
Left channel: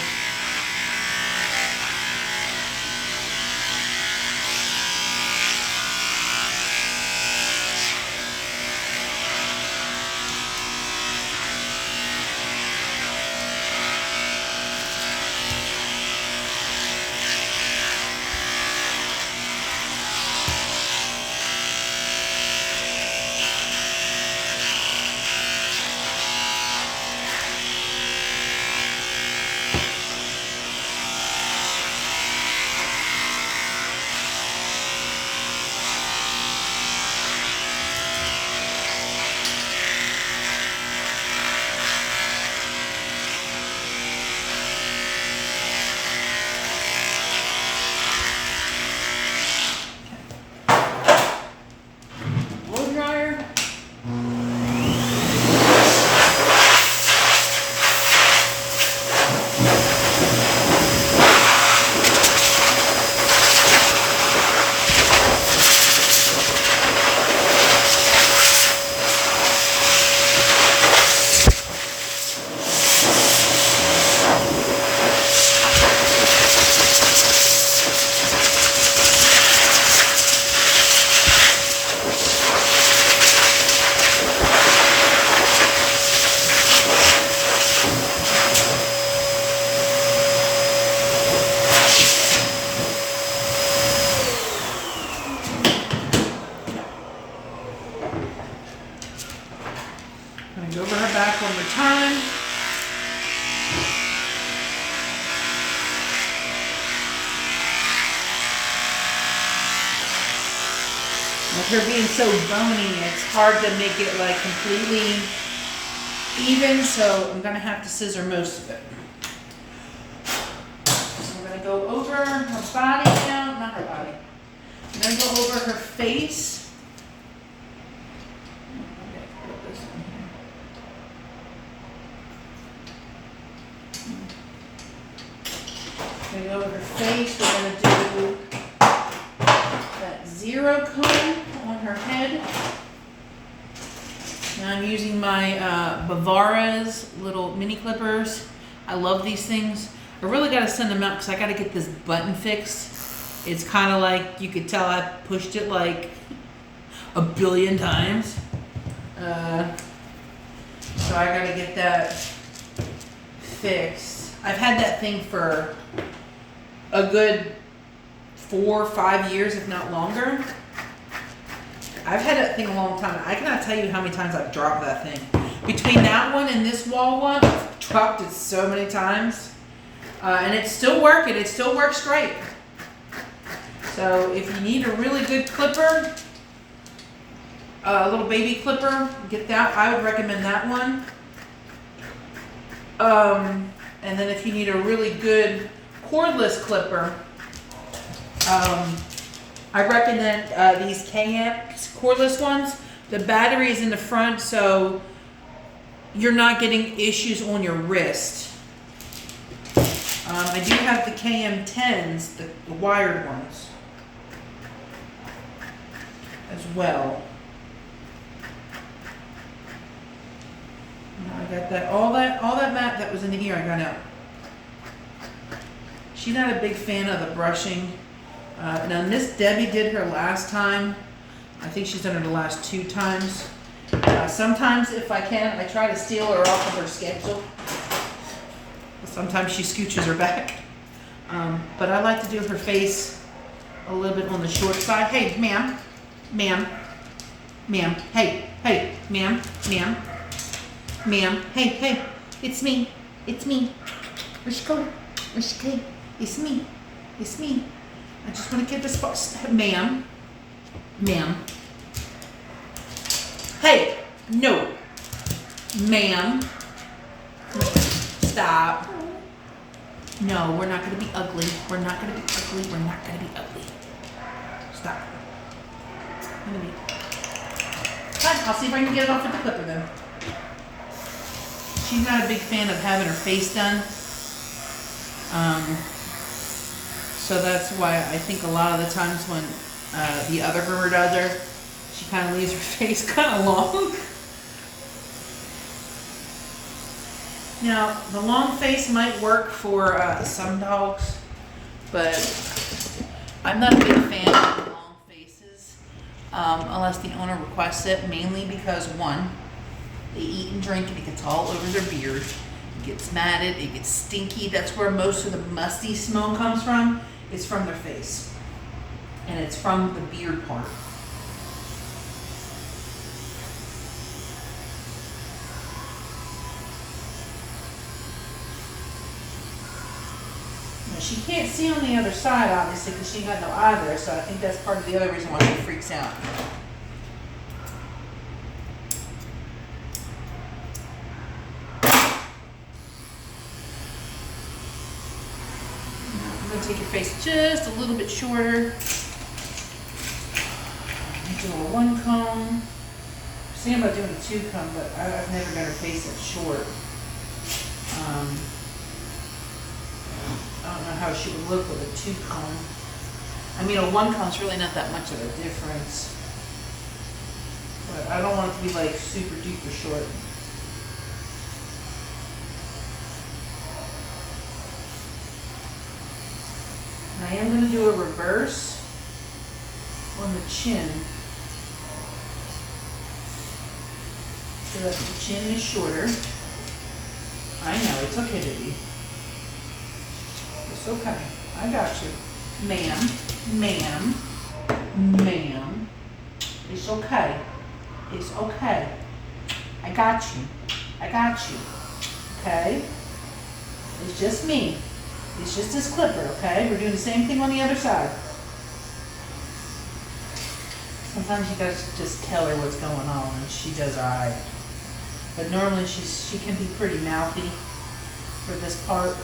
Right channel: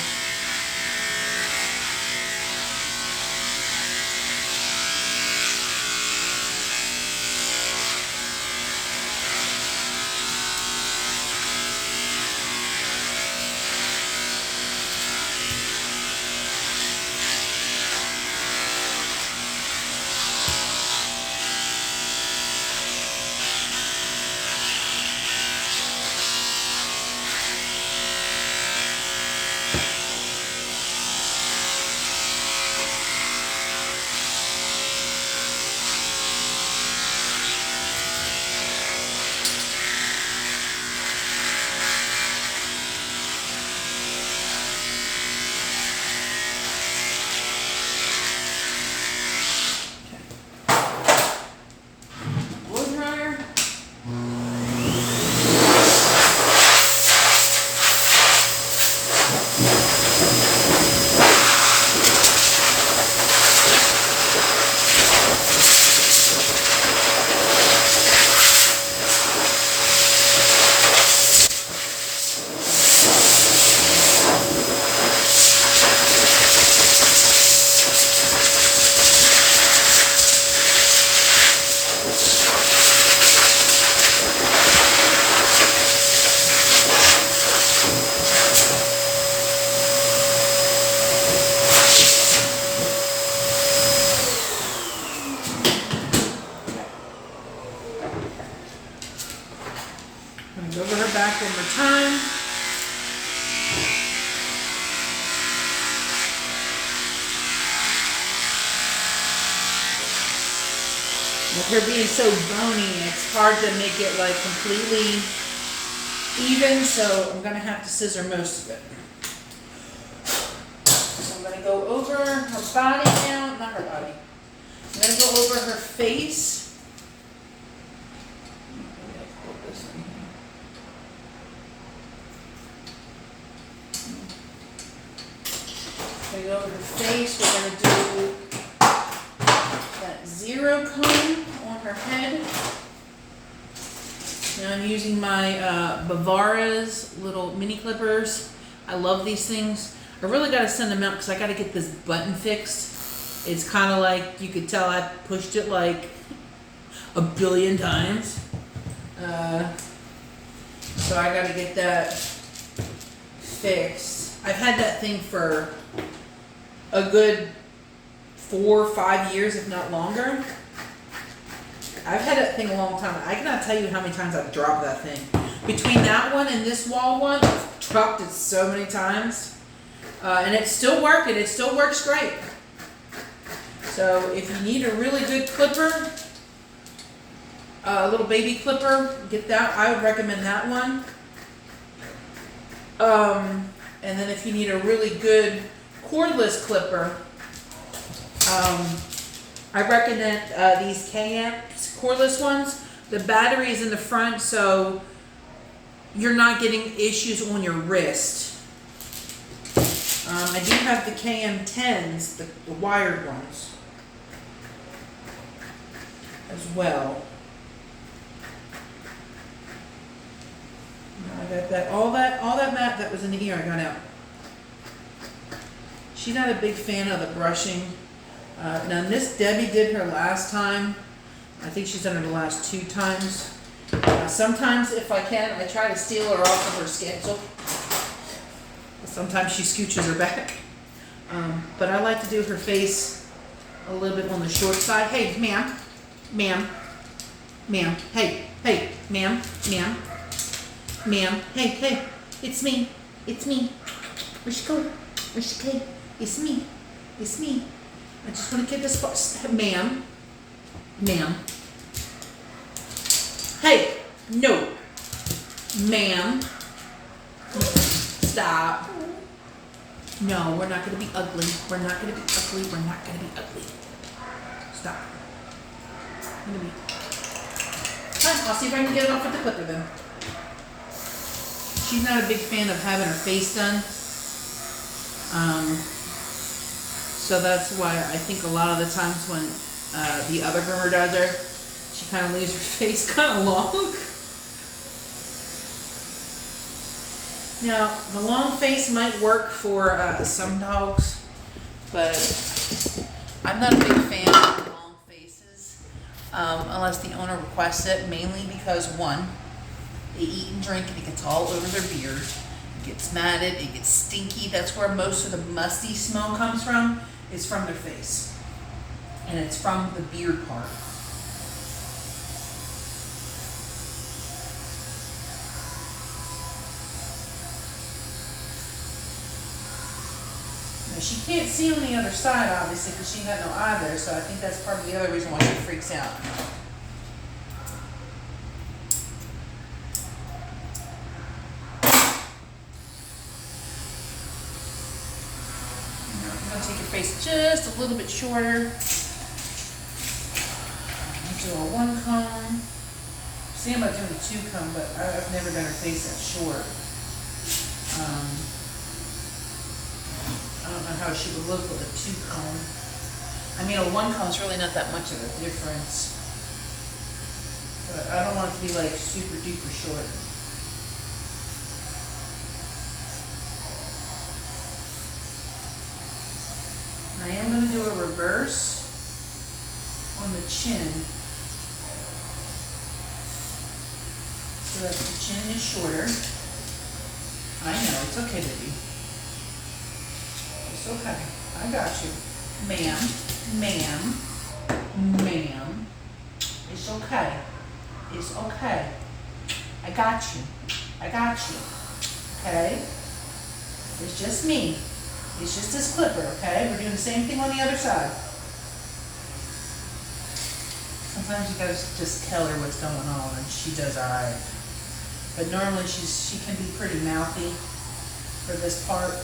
With her being so bony, it's hard to make it like completely even, so I'm gonna have to scissor most of it. So I'm gonna go over her body now, not her body. I'm gonna go over her face. Put this in here. Gonna go over her face. We're gonna do that zero comb on her head. Now I'm using my Bavara's little mini clippers. I love these things. I really got to send them out because I got to get this button fixed. It's kind of like, you could tell I pushed it like a billion times. So I got to get that fixed. I've had that thing for a good 4 or 5 years, if not longer. I've had that thing a long time. I cannot tell you how many times I've dropped that thing. Between that one and this wall one, I've dropped it so many times. And it's still working. It still works great. So if you need a really good clipper, a little baby clipper, get that. I would recommend that one. And then if you need a really good cordless clipper, I recommend these KM cordless ones. The battery's in the front, so you're not getting issues on your wrist. I do have the KM10s, the wired ones, as well. I got that, all that mat that was in the ear I got out. She's not a big fan of the brushing. Now Miss Debbie did her last time. I think she's done her the last 2 times. Sometimes if I can, I try to steal her off of her schedule. Sometimes she scooches her back. But I like to do her face a little bit on the short side. Hey, ma'am, ma'am, ma'am, hey, hey, ma'am, ma'am, ma'am, hey, hey, it's me, where's she going, where's she going, it's me, I just want to get this far, ma'am, ma'am, hey, no, ma'am, stop. No, we're not going to be ugly. We're not going to be ugly. We're not going to be ugly. Stop. Fine, I'll see if I can get it off with the clipper then. She's not a big fan of having her face done. So that's why I think a lot of the times when the other groomer does her, she kind of leaves her face kind of long. Now, the long face might work for some dogs, but I'm not a big fan of long faces unless the owner requests it, mainly because, one, they eat and drink and it gets all over their beard. It gets matted, it gets stinky. That's where most of the musty smell comes from. It's from their face. And it's from the beard part. She can't see on the other side, obviously, because she got no eye there, so I think that's part of the other reason why she freaks out. I'm going to take your face just a little bit shorter. Do a 1 comb. See, I'm about doing a 2 comb, but I've never done her face that short. I don't know how she would look with a 2 comb. I mean, a 1 comb's really not that much of a difference. But I don't want it to be like super duper short. I am going to do a reverse on the chin. So that the chin is shorter. I know, it's okay to be. It's okay. I got you. Ma'am, ma'am, ma'am. It's okay. It's okay. I got you. I got you. Okay? It's just me. It's just this clipper, okay? We're doing the same thing on the other side. sometimes you gotta just tell her what's going on, and she does alright. But normally she can be pretty mouthy for this part.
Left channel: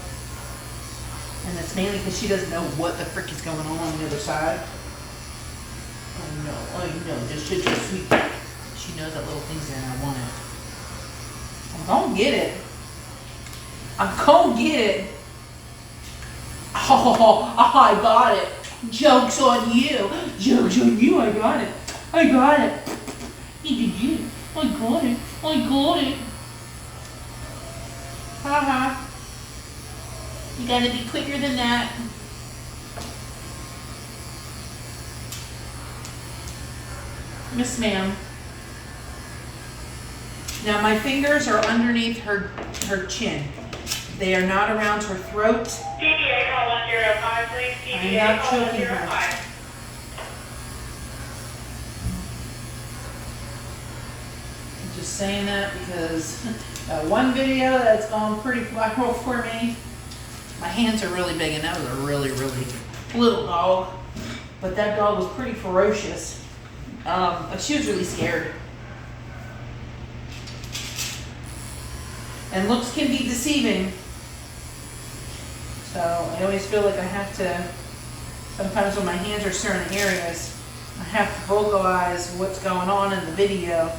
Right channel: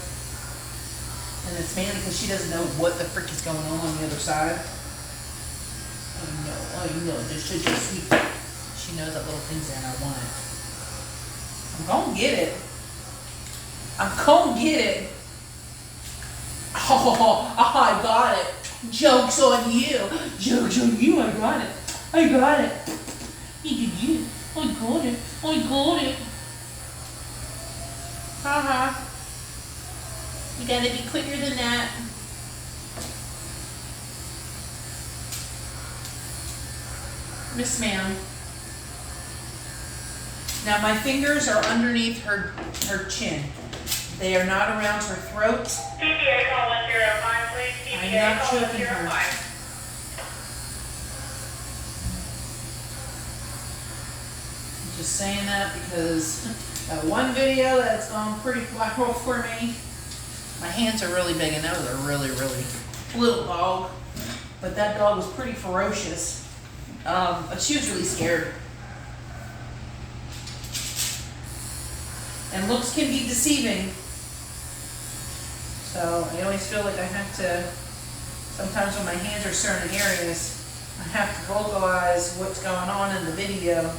And it's mainly because she doesn't know what the frick is going on the other side. I know, just sweet. She knows that little thing's in, I want it. I'm gonna get it. Oh, I got it. Joke's on you, I got it. I got it. Haha. You gotta be quicker than that. Miss ma'am. Now my fingers are underneath her chin. They are not around her throat. CBA call 105, please. I'm CBA not call choking her. 105. I'm just saying that because one video that's gone pretty viral for me. My hands are really big, and that was a really, really little dog. But that dog was pretty ferocious. She was really scared. And looks can be deceiving. So I always feel like I have to, sometimes when my hands are certain areas, I have to vocalize what's going on in the video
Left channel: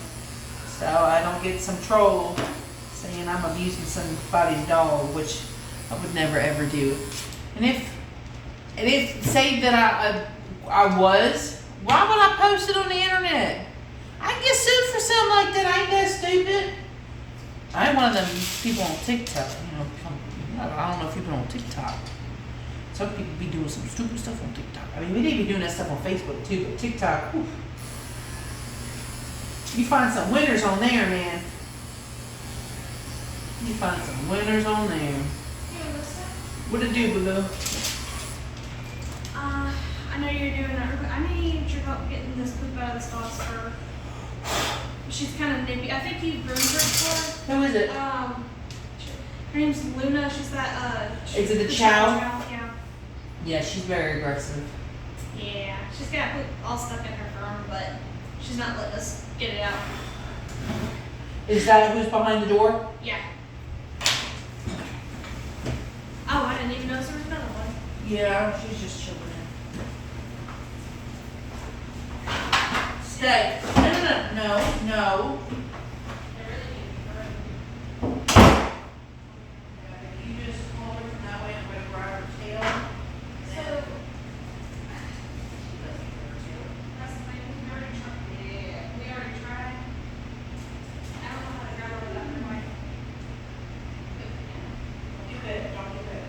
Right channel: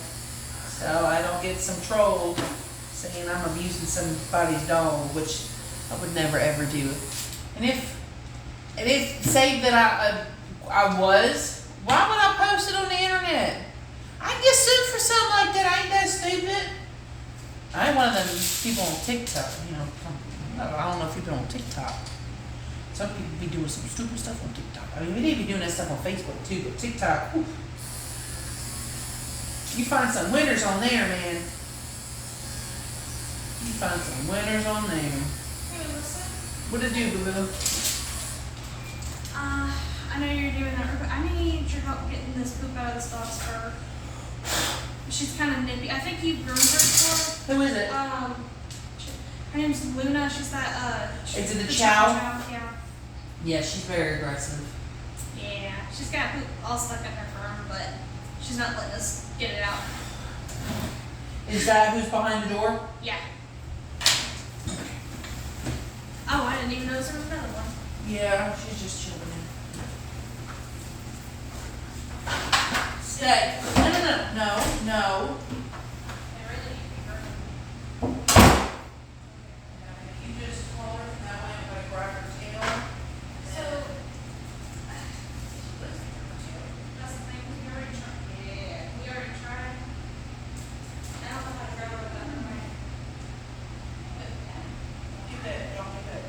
so I don't get some troll saying I'm abusing somebody's dog, which I would never ever do. And if say that I was, why would I post it on the internet? I can get sued for something like that. I ain't that stupid. I ain't one of them people on TikTok, you know. I don't know if people on TikTok. Some people be doing some stupid stuff on TikTok. I mean, they be doing that stuff on Facebook too, but TikTok, whew. You find some winners on there, man. You find some winners on there. What it do, boo-boo? I know you're doing that, but I need your help getting this poop out of this dog's fur. She's kind of nippy. I think you groomed her before. Who is it? Her name's Luna. She's that, Is it the chow? Yeah. Yeah, she's very aggressive. Yeah. She's got poop all stuck in her fur, but she's not letting us get it out. Is that who's behind the door? Yeah. Oh, I didn't even notice there was another one. Yeah, she's just chilling in. Stay. No. You just hold her from that way, I'm gonna grab her tail. So, that's the thing, we already tried. Yeah, we already tried. I don't know how to grab her without her bite. Don't do that.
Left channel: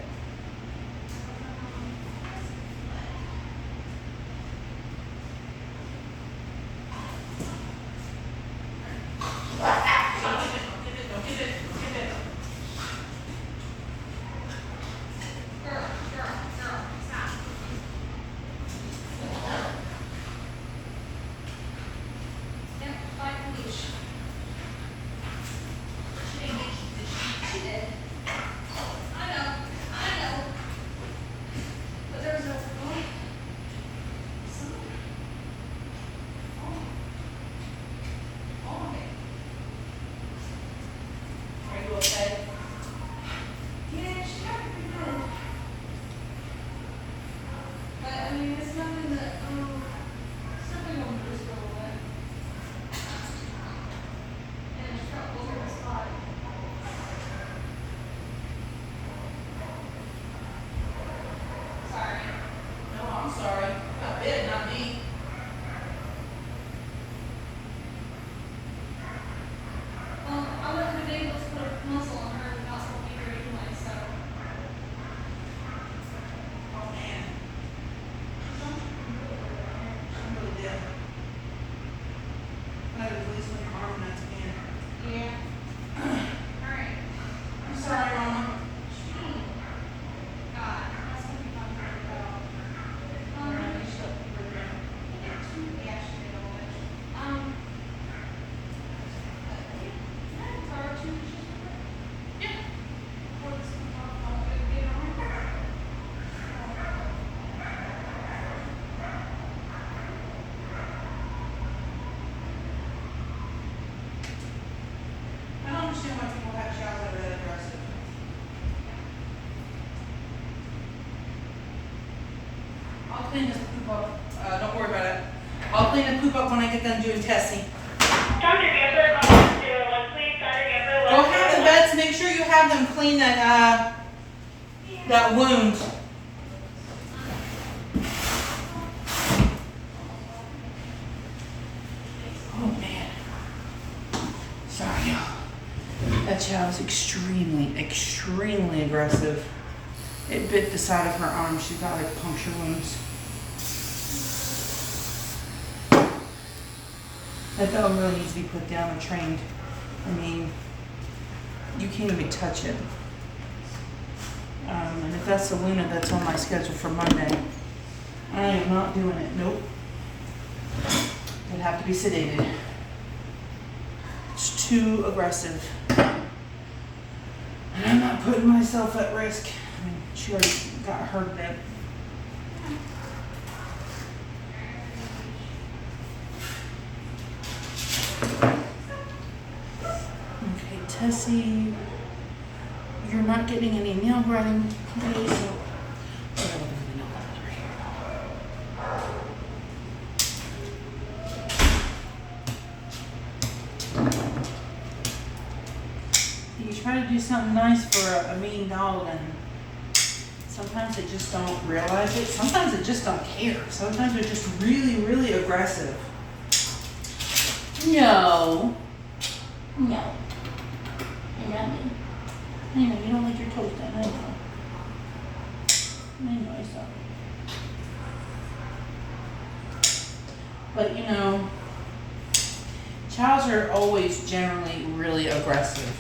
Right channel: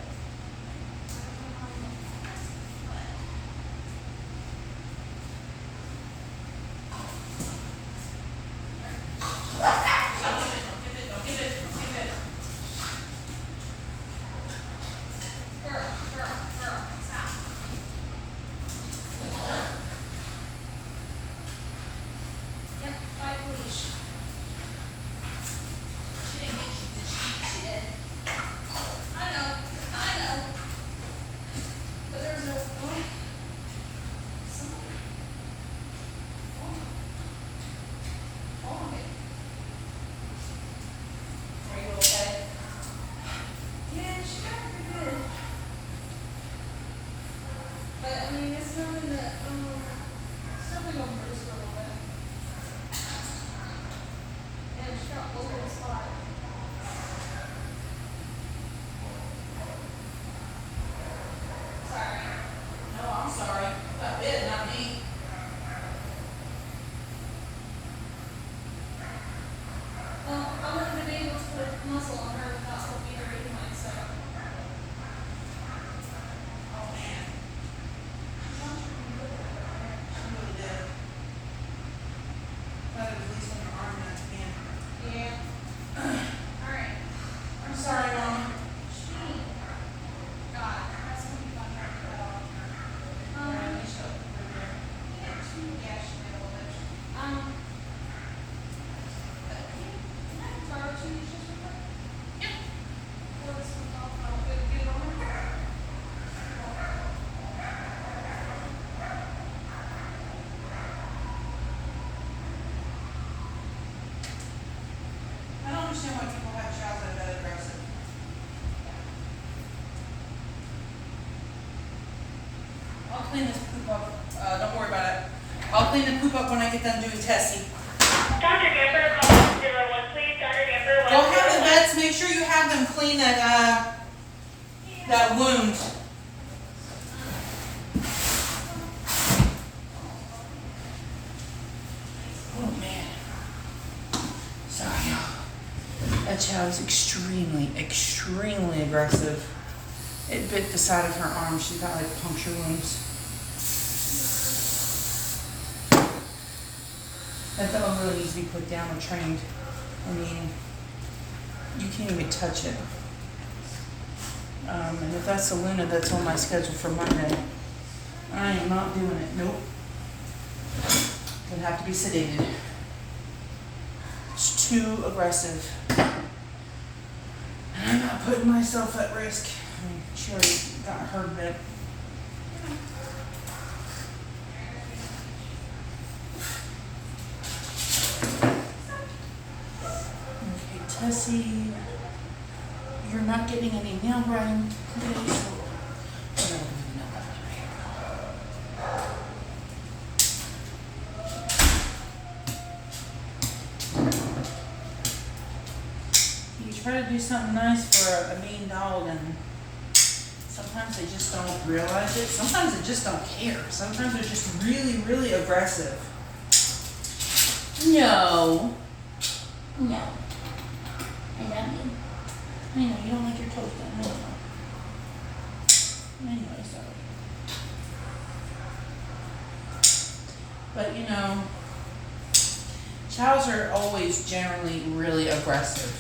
clean this poop up. Don't worry about it. I'll clean the poop up when I get done doing Tessie. Dr. Gipper, call 01, please. Dr. Gipper, Go have the vets, make sure you have them clean that wound. Oh man. Sorry, y'all. That child's extremely aggressive. It bit the side of her arm. She's got like puncture wounds. That dog really needs to be put down or trained. I mean, you can't even touch it. And if that's the Luna that's on my schedule for Monday, I am not doing it. Nope. It'd have to be sedated. It's too aggressive. And I'm not putting myself at risk. I mean, she already got hurt a bit. Okay, Tessie, you're not getting any nail grinding today, so whatever the nail grinding right here. You try to do something nice for a mean dog, and sometimes they just don't realize it. Sometimes they just don't care. Sometimes they're just really aggressive. No. No. I love you. I know, you don't like your toast done. I know. I saw it. But you know, chows are always generally really aggressive.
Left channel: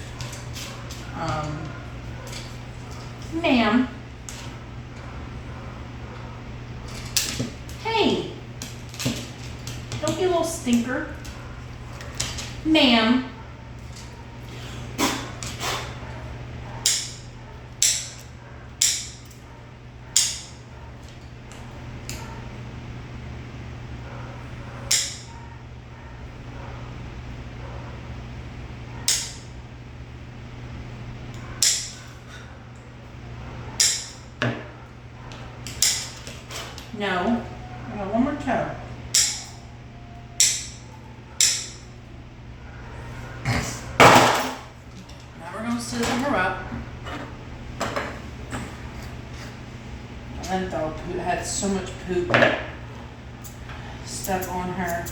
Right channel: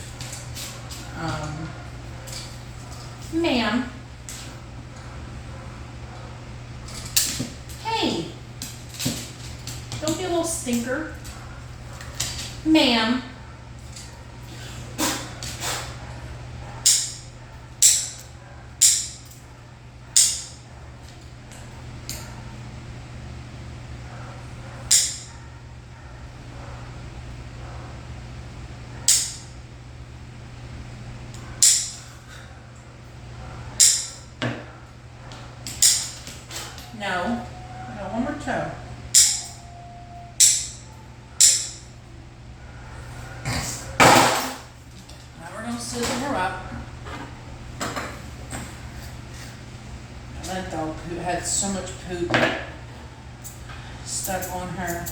Ma'am. Hey. Don't be a little stinker. Ma'am. No. No, one more toe. Now we're gonna sizzle her up. That dog poop had so much poop stuck on her.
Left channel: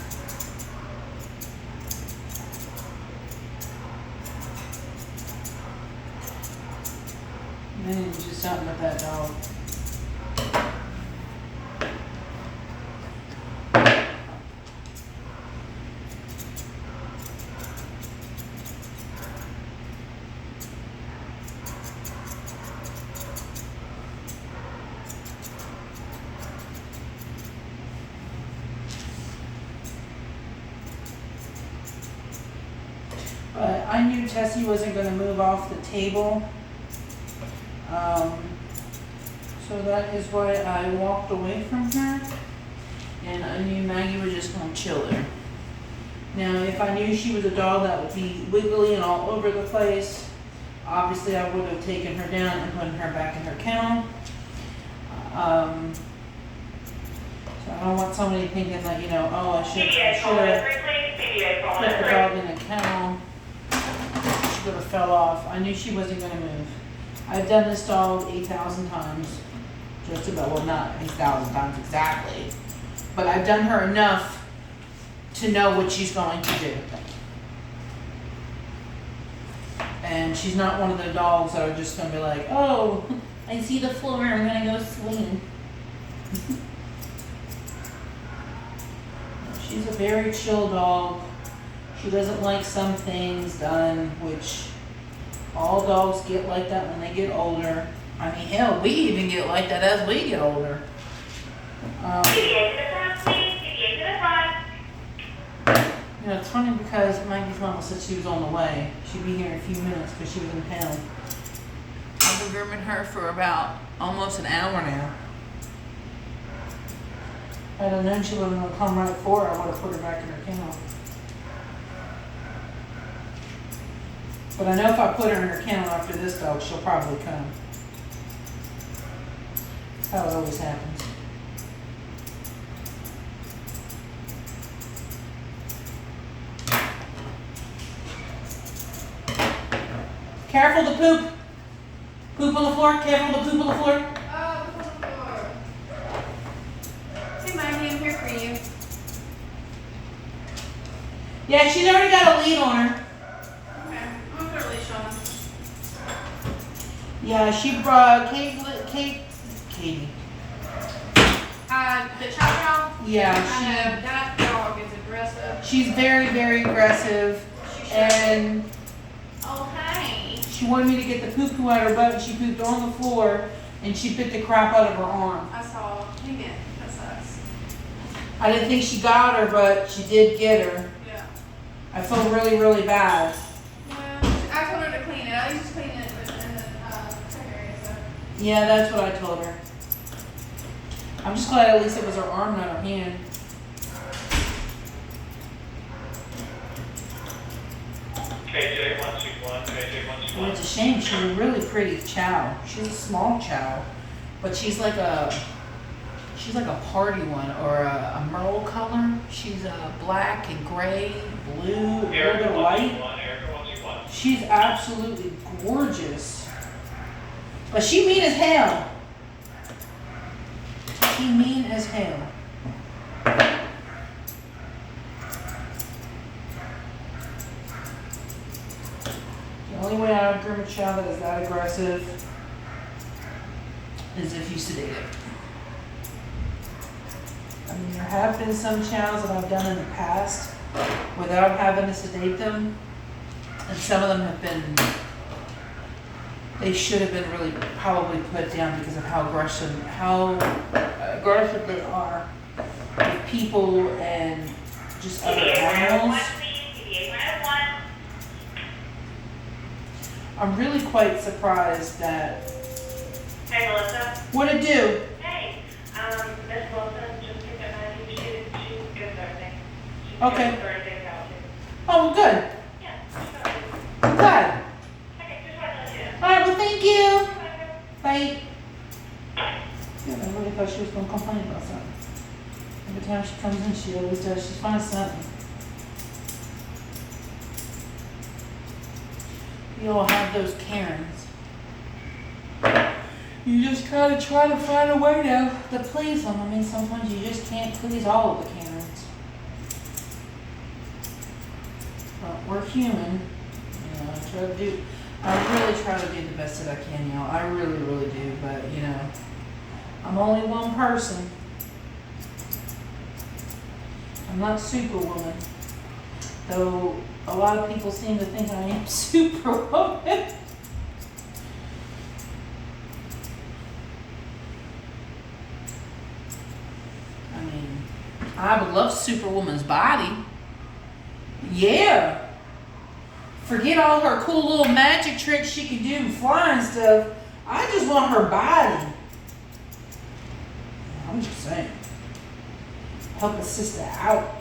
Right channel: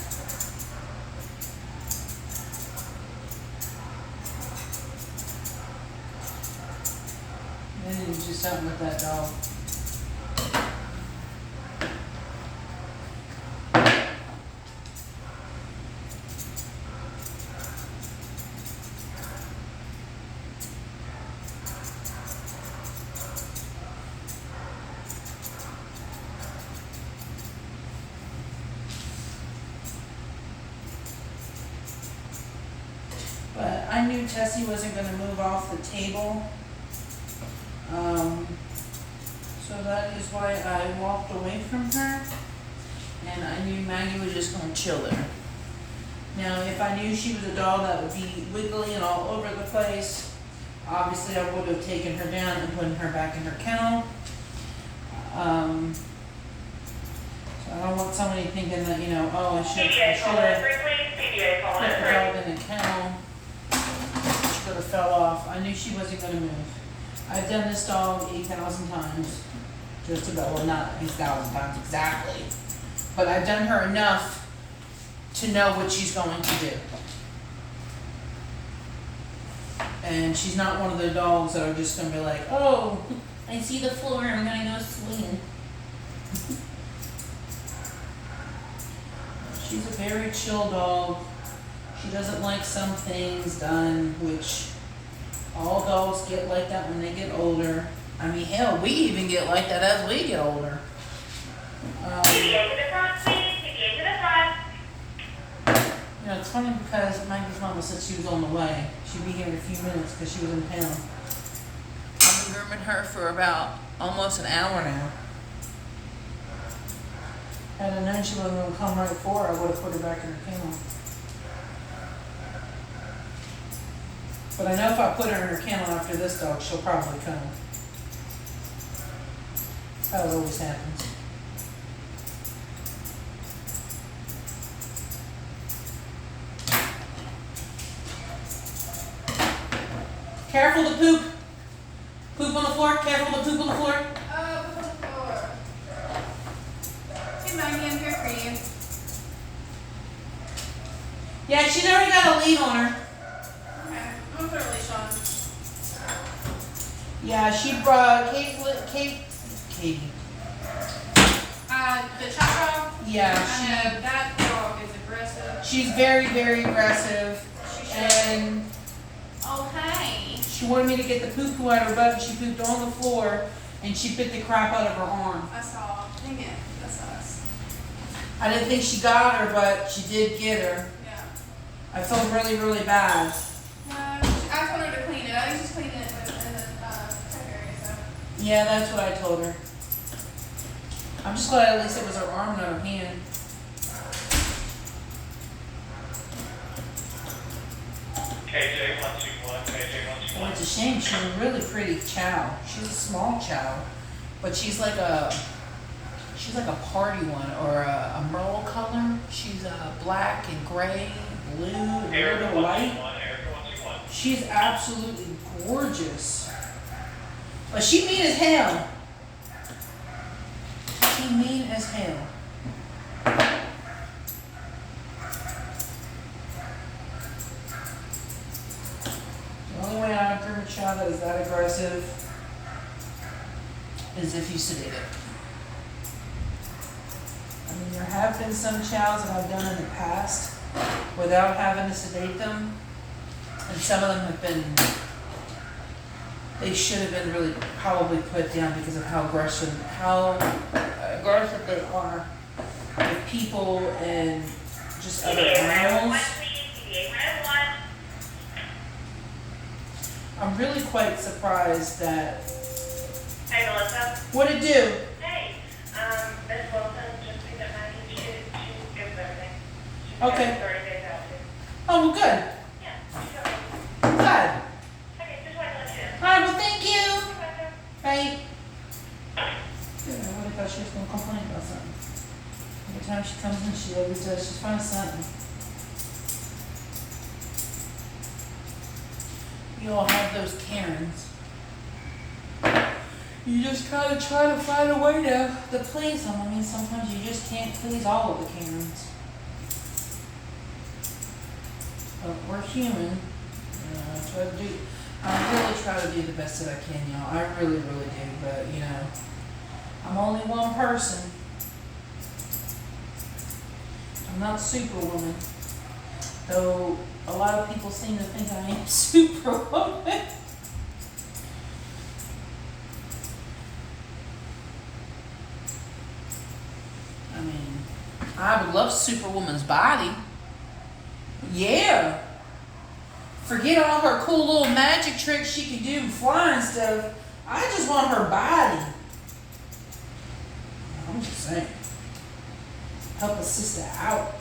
Then you do something with that dog. But I knew Tessie wasn't going to move off the table. So that is why I walked away from her. And I knew Maggie was just going to chill her. Now, if I knew she was a dog that would be wiggly and all over the place, obviously I would have taken her down and put her back in her kennel. So I don't want somebody thinking that, you know, oh, I should have put the dog in the kennel. She could have fell off. I knew she wasn't going to move. I've done this dog 8,000 times. Just about, well, not 8,000 times exactly. But I've done her enough to know what she's going to do. And she's not one of the dogs that are just going to be like, oh, I see the floor, I'm going to go swing. She's a very chill dog. She doesn't like some things done, which all dogs get like that when they get older. I mean, hell, we even get like that as we get older. You know, it's funny because Maggie's mama said she was on the way. She'd be here in a few minutes because she was in town. I've been grooming her for about almost an hour now. Had I known she wasn't going to come right for her, I would have put her back in her kennel. But I know if I put her in her kennel after this dog, she'll probably come. That's how it always happens. Careful to poop. Poop on the floor. Careful to poop on the floor. Oh, poop on the floor. Hey, Maggie, I'm here for you. Yeah, she's already got a lead on her. Okay, I'm gonna put a leash on. Yeah, she brought Katie. The chop dog. Yeah, I know, that dog is aggressive. she's very, very aggressive. She should. And Okay. she wanted me to get the poo-poo out of her butt, and she pooped on the floor, and she bit the crap out of her arm. I saw. Dang it. That sucks. I didn't think she got her, but she did get her. Yeah. I felt really, really bad. Yeah. I told her to clean it. At least just clean it in the check area, so. Yeah, that's what I told her. I'm just glad at least it was her arm, not her hand. Oh, it's a shame. She's a really pretty chow. She's a small chow, but she's like a party one, or a merle color. She's black and gray, blue, a little bit of white. She's absolutely gorgeous, but she mean as hell. She mean as hell. The only way I would groom a chow that is that aggressive is if you sedate it. I mean, there have been some chows that I've done in the past without having to sedate them, and some of them have been, they should have been really probably put down because of how aggressive they are with people and just other animals. I'm really quite surprised that. Hey, Melissa. What'd it do? Hey, Miss Wilson just picked up Maggie. She's good with everything. She's Okay. good Thursdays out too. Oh, well, good. Yeah, she's good. I'm glad. Okay, just wanted to let you know. All right, well, thank you. Okay. Bye. Yeah, I really thought she was gonna complain about something. Every time she comes in, she always does. She finds something. You all have those Karens. You just kind of try to find a way to please them. I mean, sometimes you just can't please all of the Karens. But we're human. You know, I really try to do the best that I can, y'all. I really, really do. But, you know, I'm only one person. I'm not Superwoman. Though a lot of people seem to think I am Superwoman. I mean, I would love Superwoman's body. Yeah. Forget all her cool little magic tricks she can do and flying stuff. I just want her body. I'm just saying. Help a sister out.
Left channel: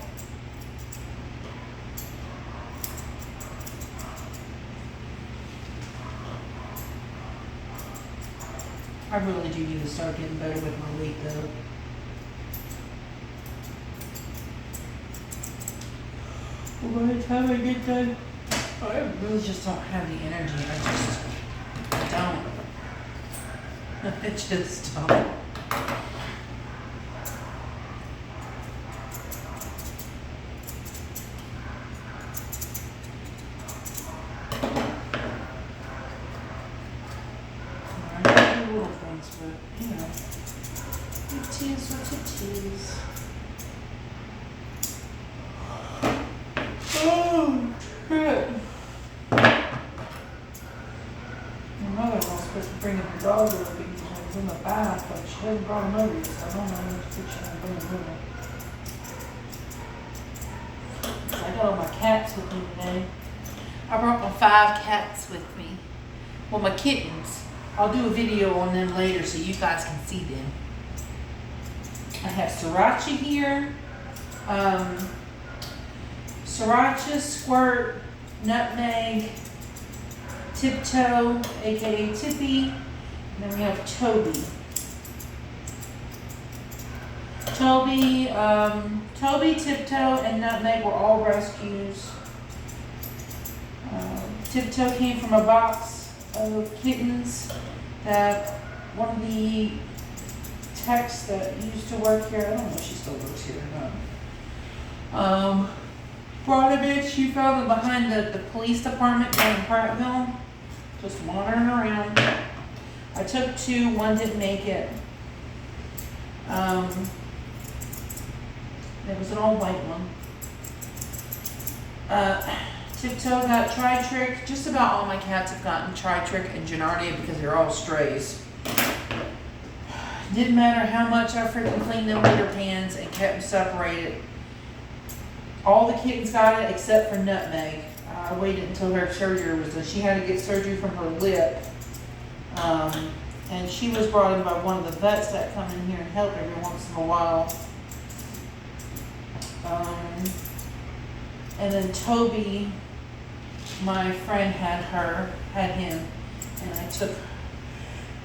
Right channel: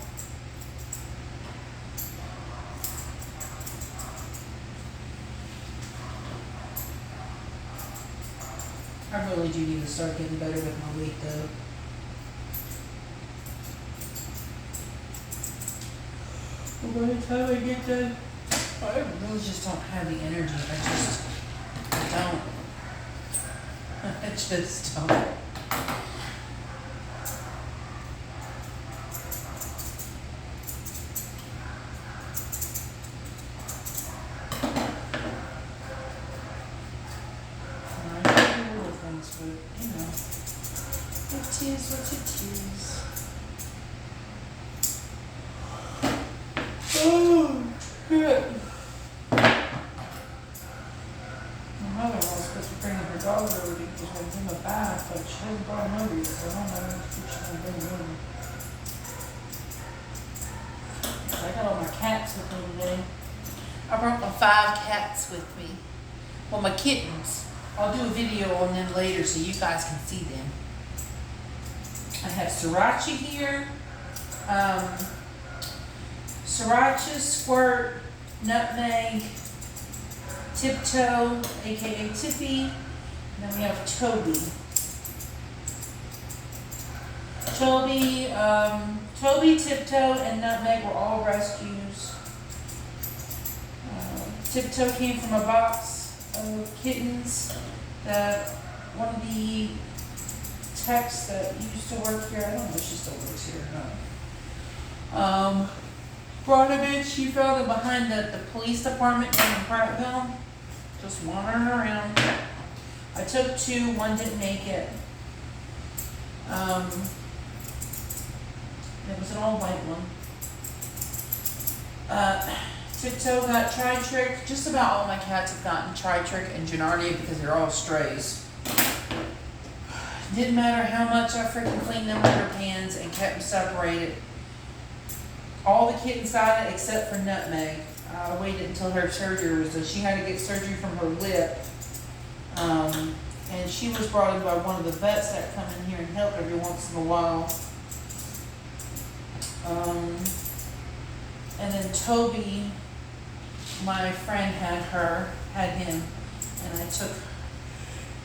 I really do need to start getting better with my weight though. Well, by the time I get done, I really just don't have the energy. I don't. I just don't. I do little things, but you know, it is what it is. Oh, shit. My mother-in-law's supposed to bring her dog over because I was in the bath, but she hasn't brought him over yet, so I don't know when she's going to bring him over. I got all my cats with me today. I brought my 5 cats with me. Well, my kittens. I'll do a video on them later so you guys can see them. I have Sriracha here. Sriracha, Squirt, Nutmeg, Tiptoe, aka Tippy, and then we have Toby. Toby, Tiptoe, and Nutmeg were all rescues. Tiptoe came from a box of kittens that one of the techs that used to work here, I don't know if she still works here or not, brought him in. She found him behind the police department down in Prattville, just wandering around. I took 2, one didn't make it. It was an old white one. Tiptoe got tri-trick. Just about all my cats have gotten tri-trick and Gennardia because they're all strays. Didn't matter how much I freaking cleaned them litter pans and kept them separated. All the kittens got it except for Nutmeg. I waited until her surgery was done. She had to get surgery from her lip. And she was brought in by one of the vets that come in here and help every once in a while. And then Toby, my friend had him, and I took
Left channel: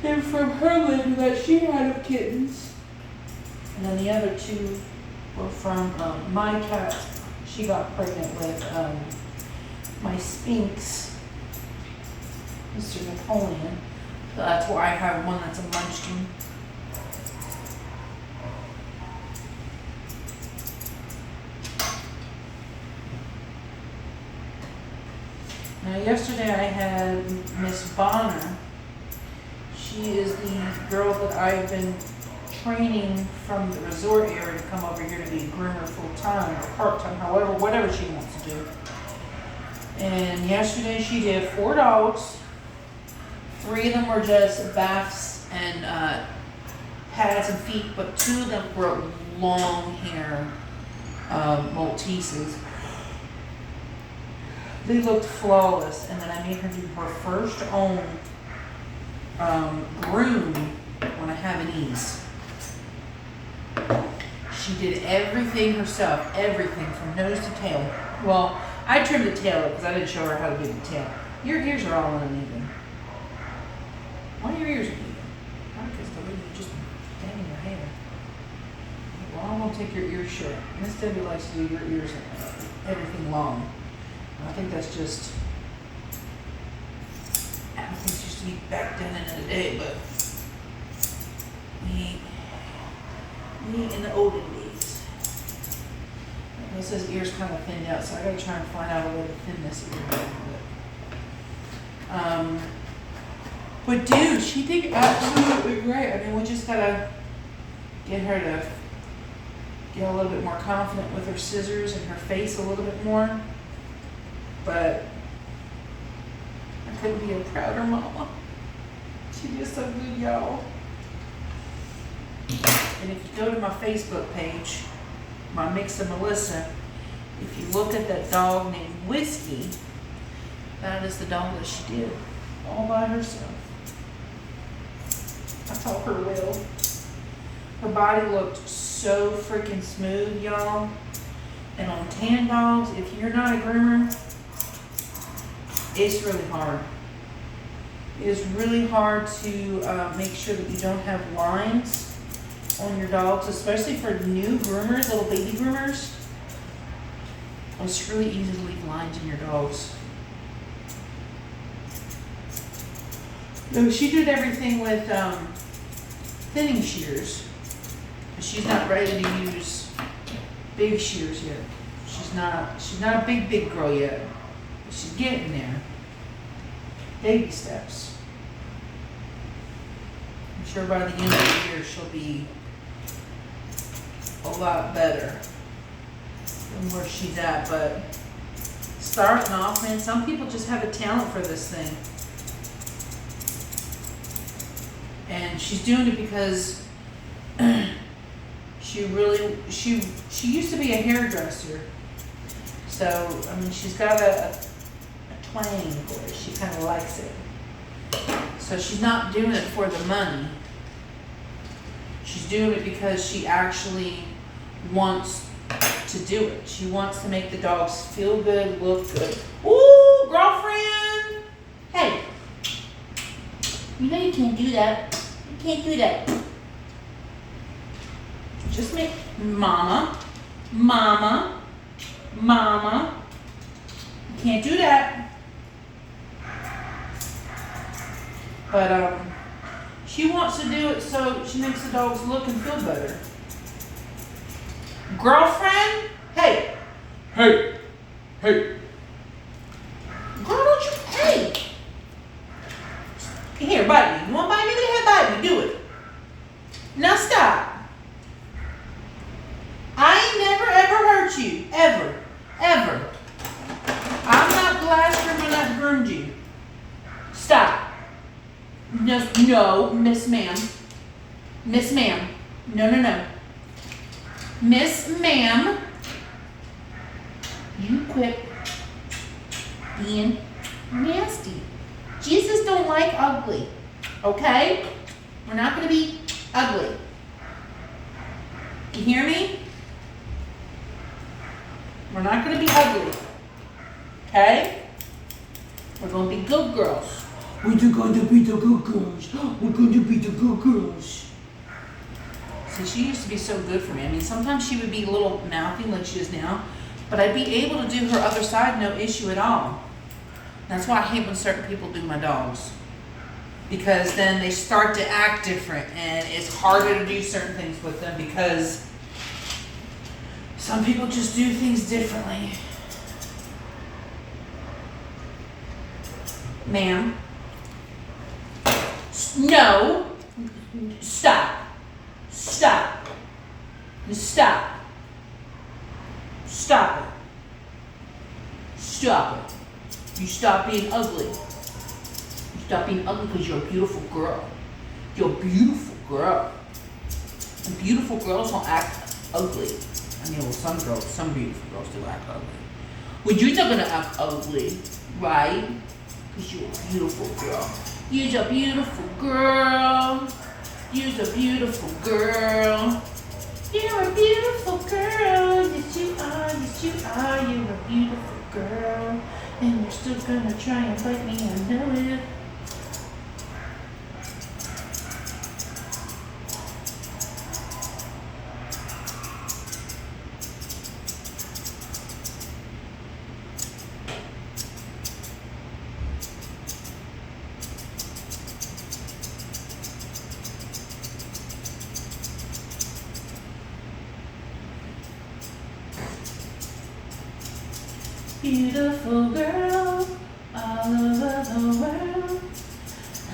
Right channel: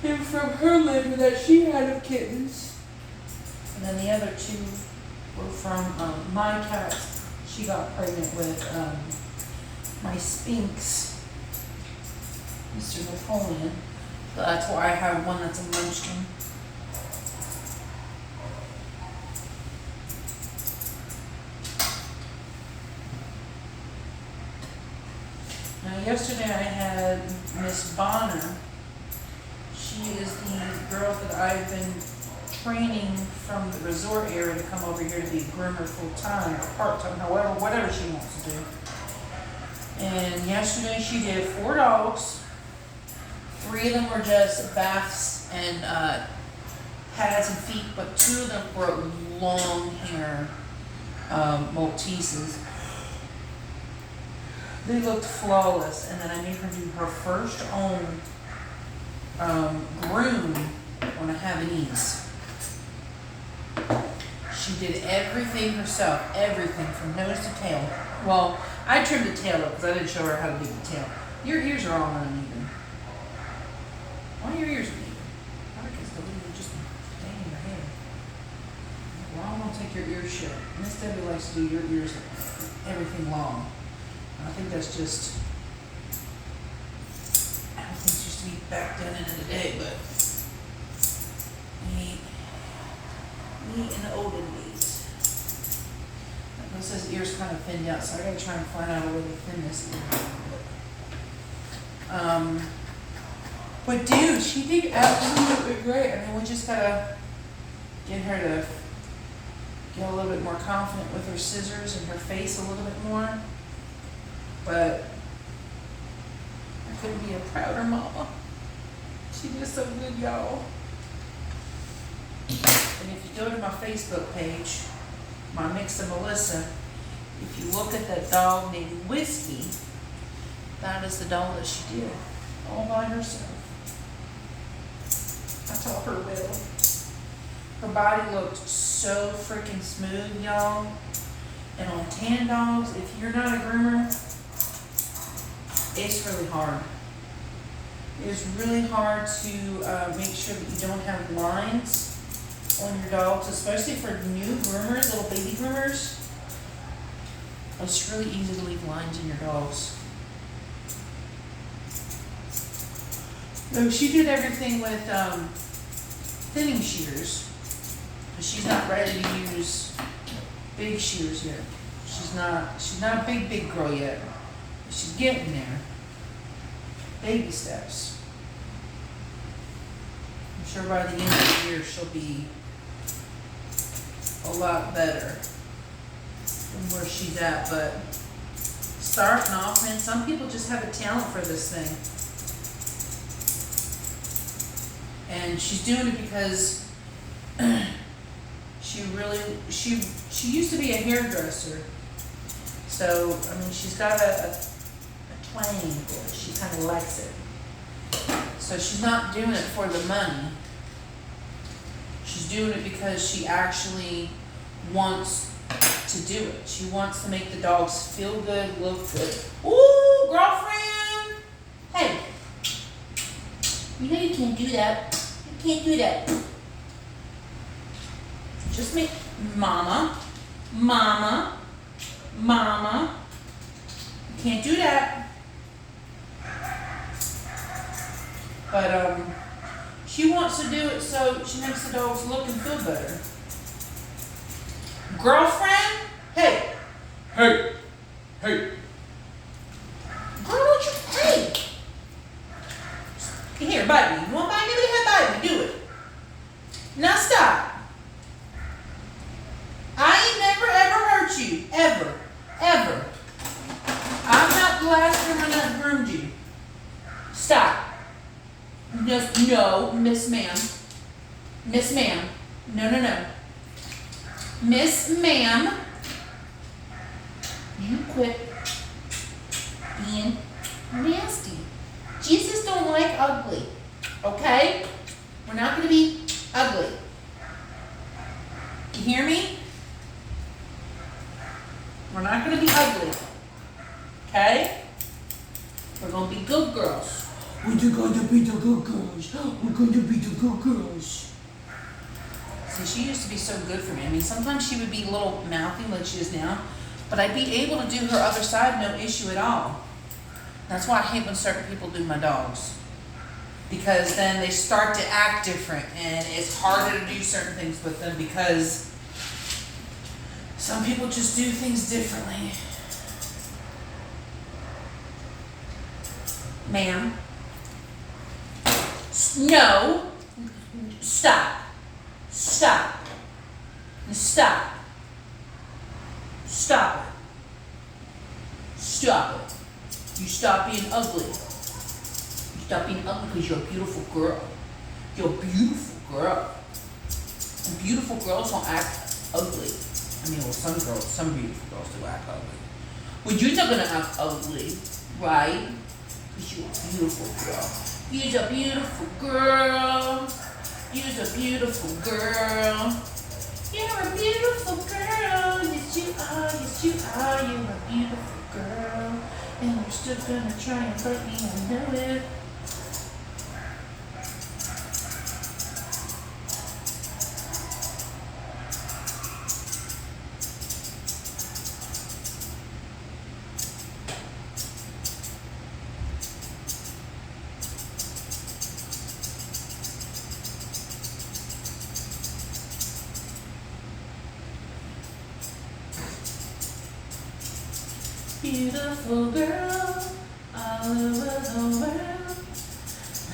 him from her litter that she had of kittens. And then the other 2 were from my cat. She got pregnant with my Sphinx, Mr. Napoleon. So that's why I have one that's a munchkin. Now yesterday I had Miss Bonner. She is the girl that I've been training from the resort area to come over here to be a groomer full-time or part-time, however, whatever she wants to do. And yesterday she did 4 dogs. 3 of them were just baths and pads and feet, but 2 of them were long hair Malteses. They looked flawless, and then I made her do her first own groom on a Havanese. She did everything herself, everything from nose to tail. Well, I trimmed the tail up because I didn't show her how to do the tail. Your ears are all uneven. Why are your ears uneven? Because the way you just stay in your hair. Well, I'm going to take your ears short. Miss Debbie likes to do your ears everything long. I think that's just how things used to be back then in the day, but me in the olden days. This says ears kind of thinned out, so I gotta try and find out a way to thin this ear a little bit. But dude, she did absolutely great. I mean, we just gotta get her to get a little bit more confident with her scissors and her face a little bit more. But I couldn't be a prouder mama. She did so good, y'all. And if you go to my Facebook page, my Mix of Melissa, if you look at that dog named Whiskey, that is the dog that she did all by herself. I taught her well. Her body looked so freaking smooth, y'all. And on tan dogs, if you're not a groomer, it's really hard. It is really hard to make sure that you don't have lines on your dogs, especially for new groomers, little baby groomers. It's really easy to leave lines in your dogs. So she did everything with thinning shears. But she's not ready to use big shears yet. She's not a big girl yet. But she's getting there. Baby steps. I'm sure by the end of the year she'll be a lot better than where she's at. But starting off, man, some people just have a talent for this thing. And she's doing it because she used to be a hairdresser. So, I mean, she's got a twang for it. She kind of likes it. So she's not doing it for the money. She's doing it because she actually wants to do it. She wants to make the dogs feel good, look good. Ooh, girlfriend! Hey, you know you can't do that. You can't do that. Just make mama. You can't do that. But she wants to do it so she makes the dogs look and feel better. Girlfriend? Hey. Hey. Hey. Girl, don't you, hey. Here, bite me. You want to bite me? Go ahead, bite me. Do it. Now stop. I ain't never ever hurt you. Ever. Ever. I'm not the last groomer that groomed you. Stop. No, Miss Ma'am. Miss Ma'am. No. Miss Ma'am. You quit being nasty. Jesus don't like ugly. Okay? We're not going to be ugly. You hear me? We're not going to be ugly. Okay? We're going to be good girls. We're going to be the good girls. We're going to be the good girls. See, she used to be so good for me. I mean, sometimes she would be a little mouthy like she is now, but I'd be able to do her other side, no issue at all. That's why I hate when certain people do my dogs. Because then they start to act different, and it's harder to do certain things with them because some people just do things differently. Ma'am. No. Stop. Stop. Stop. Stop it. Stop it. You stop being ugly. You stop being ugly because you're a beautiful girl. You're a beautiful girl. And beautiful girls don't act ugly. I mean, well, some beautiful girls do act ugly. Well, you're not gonna act ugly, right? Because you're a beautiful girl. You're a beautiful girl. You're a beautiful girl. You're a beautiful girl. Yes, you are. Yes, you are. You're a beautiful girl. And you're still gonna try and bite me. I know it. Beautiful girl, all over the world.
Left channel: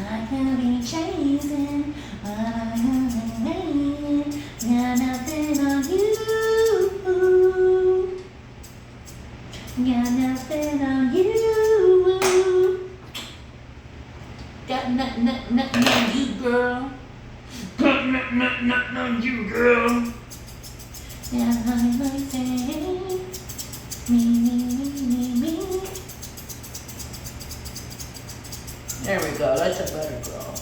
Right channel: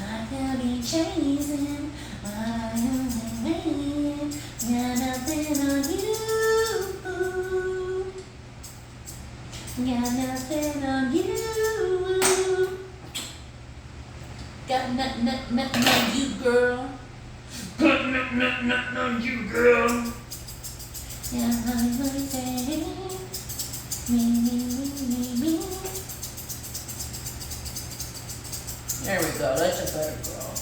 I can be chasing, but I am waiting. Got nothing on you. Got nothing on you. Got nothing on you, girl. Got nothing on you, girl. Yeah, I'm like saying. Me. There we go. That's a better girl.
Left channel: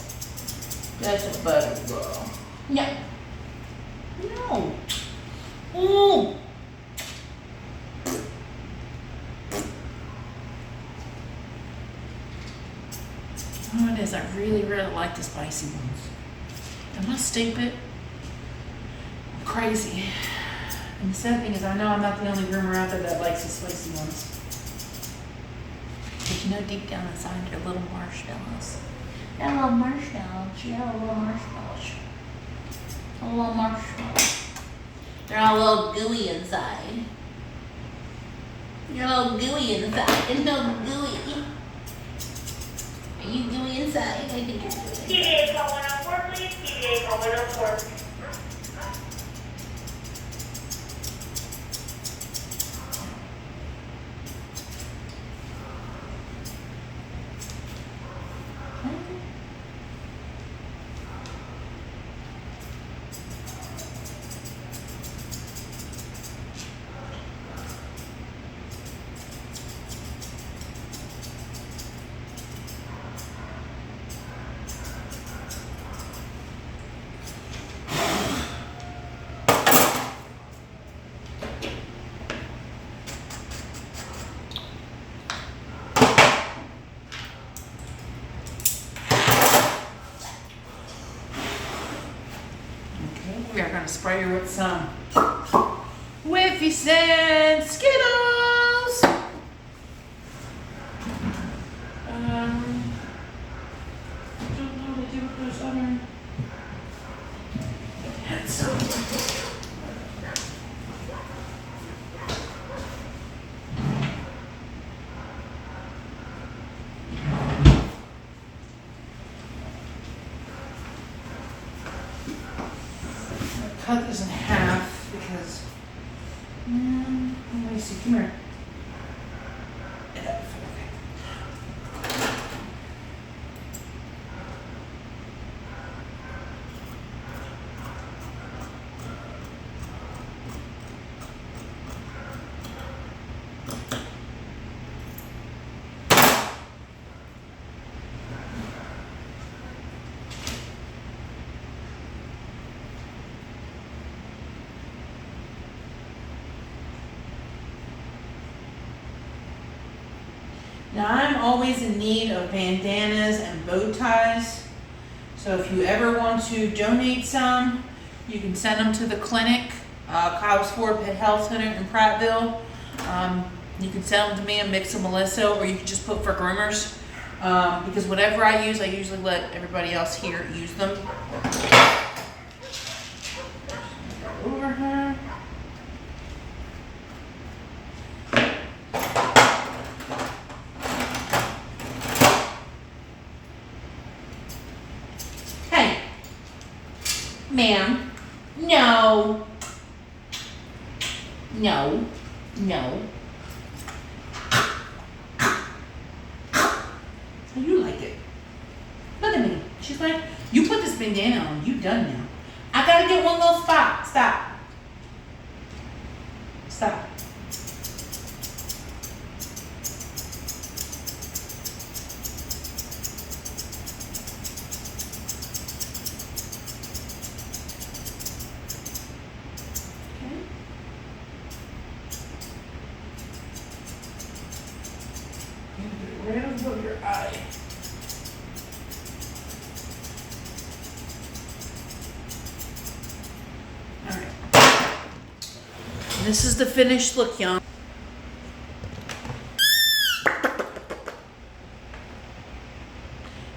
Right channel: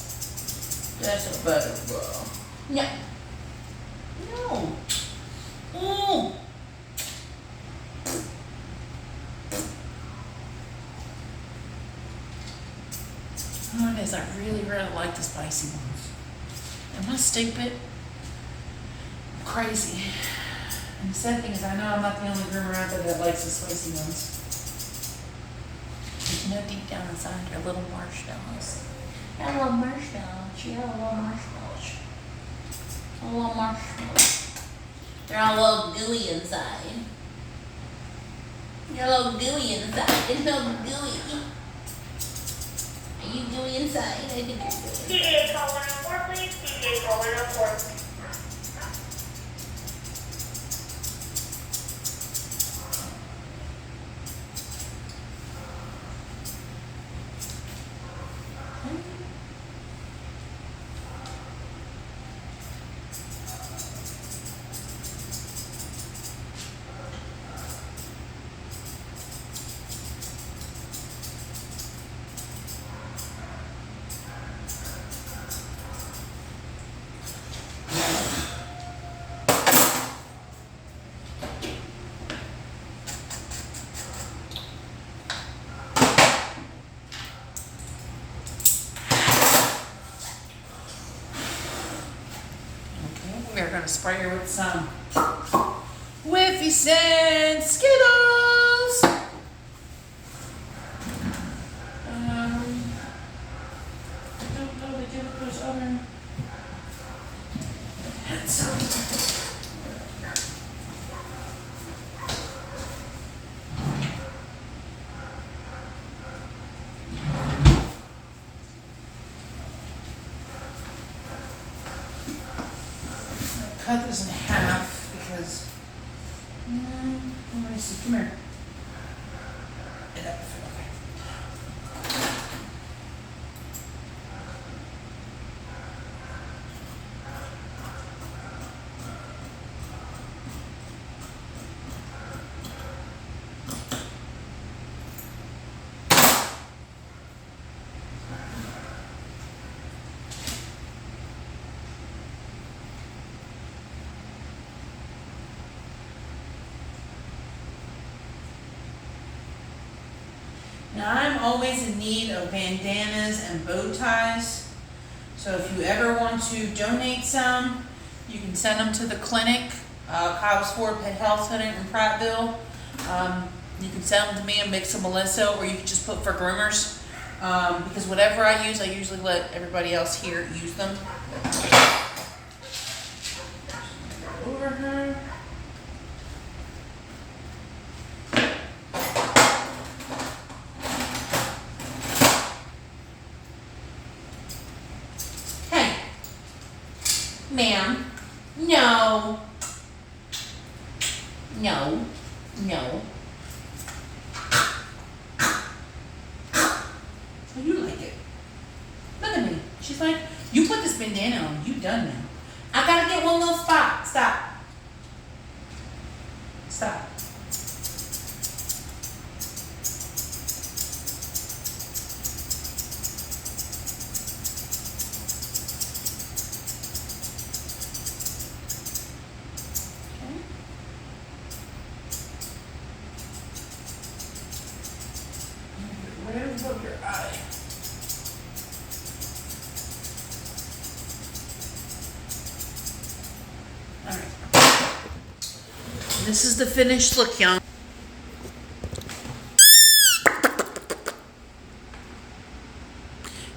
That's a better girl. Yeah. No. Oh. Oh, it is. I really like the spicy ones. Am I stupid? I'm crazy. And the sad thing is, I know I'm not the only groomer out there that likes the spicy ones. But you know, deep down inside, they're little marshmallows. They're little marshmallows. Yeah, little marshmallows. Little marshmallows. They're all a little gooey inside. You're a little gooey inside. It's no gooey. Are you gooey inside? I think you're gooey. PDA call 104, please. PDA call 104. We are going to spray her with some Whiffy Scent Skittles. color. Cut this in half because, let me see, come here. Okay. Now I'm always in need of bandanas and bow ties. So if you ever want to donate some, you can send them to the clinic, Cobb's Ford Pet Health Center in Prattville. You can send them to me and mix them Melissa, or you can just put for groomers. Because whatever I use, I usually let everybody else here use them. Over her. Hey, ma'am, no, no, no. So you like it. Look at me. She's like, you put this bandana on, you done now. I gotta get one little spot. Stop. Stop. Okay. Get rid of your eye. All right. This is the finished look, y'all.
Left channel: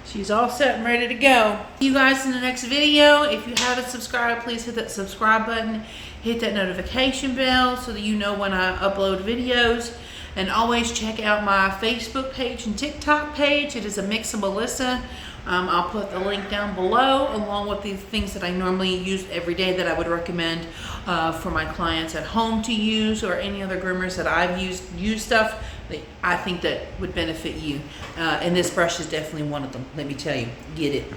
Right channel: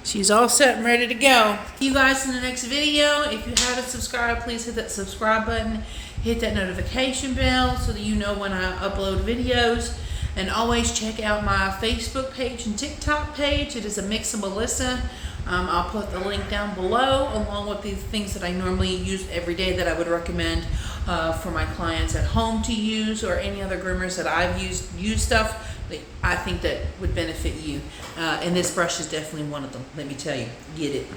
She's all set and ready to go. See you guys in the next video. If you haven't subscribed, please hit that subscribe button. Hit that notification bell so that you know when I upload videos. And always check out my Facebook page and TikTok page. It is a mix of Melissa. I'll put the link down below along with the things that I normally use every day that I would recommend for my clients at home to use, or any other groomers that I've used stuff that I think that would benefit you. And this brush is definitely one of them. Let me tell you, get it.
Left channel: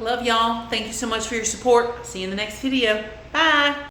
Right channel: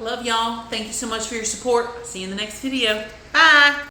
Love y'all. Thank you so much for your support. See you in the next video. Bye.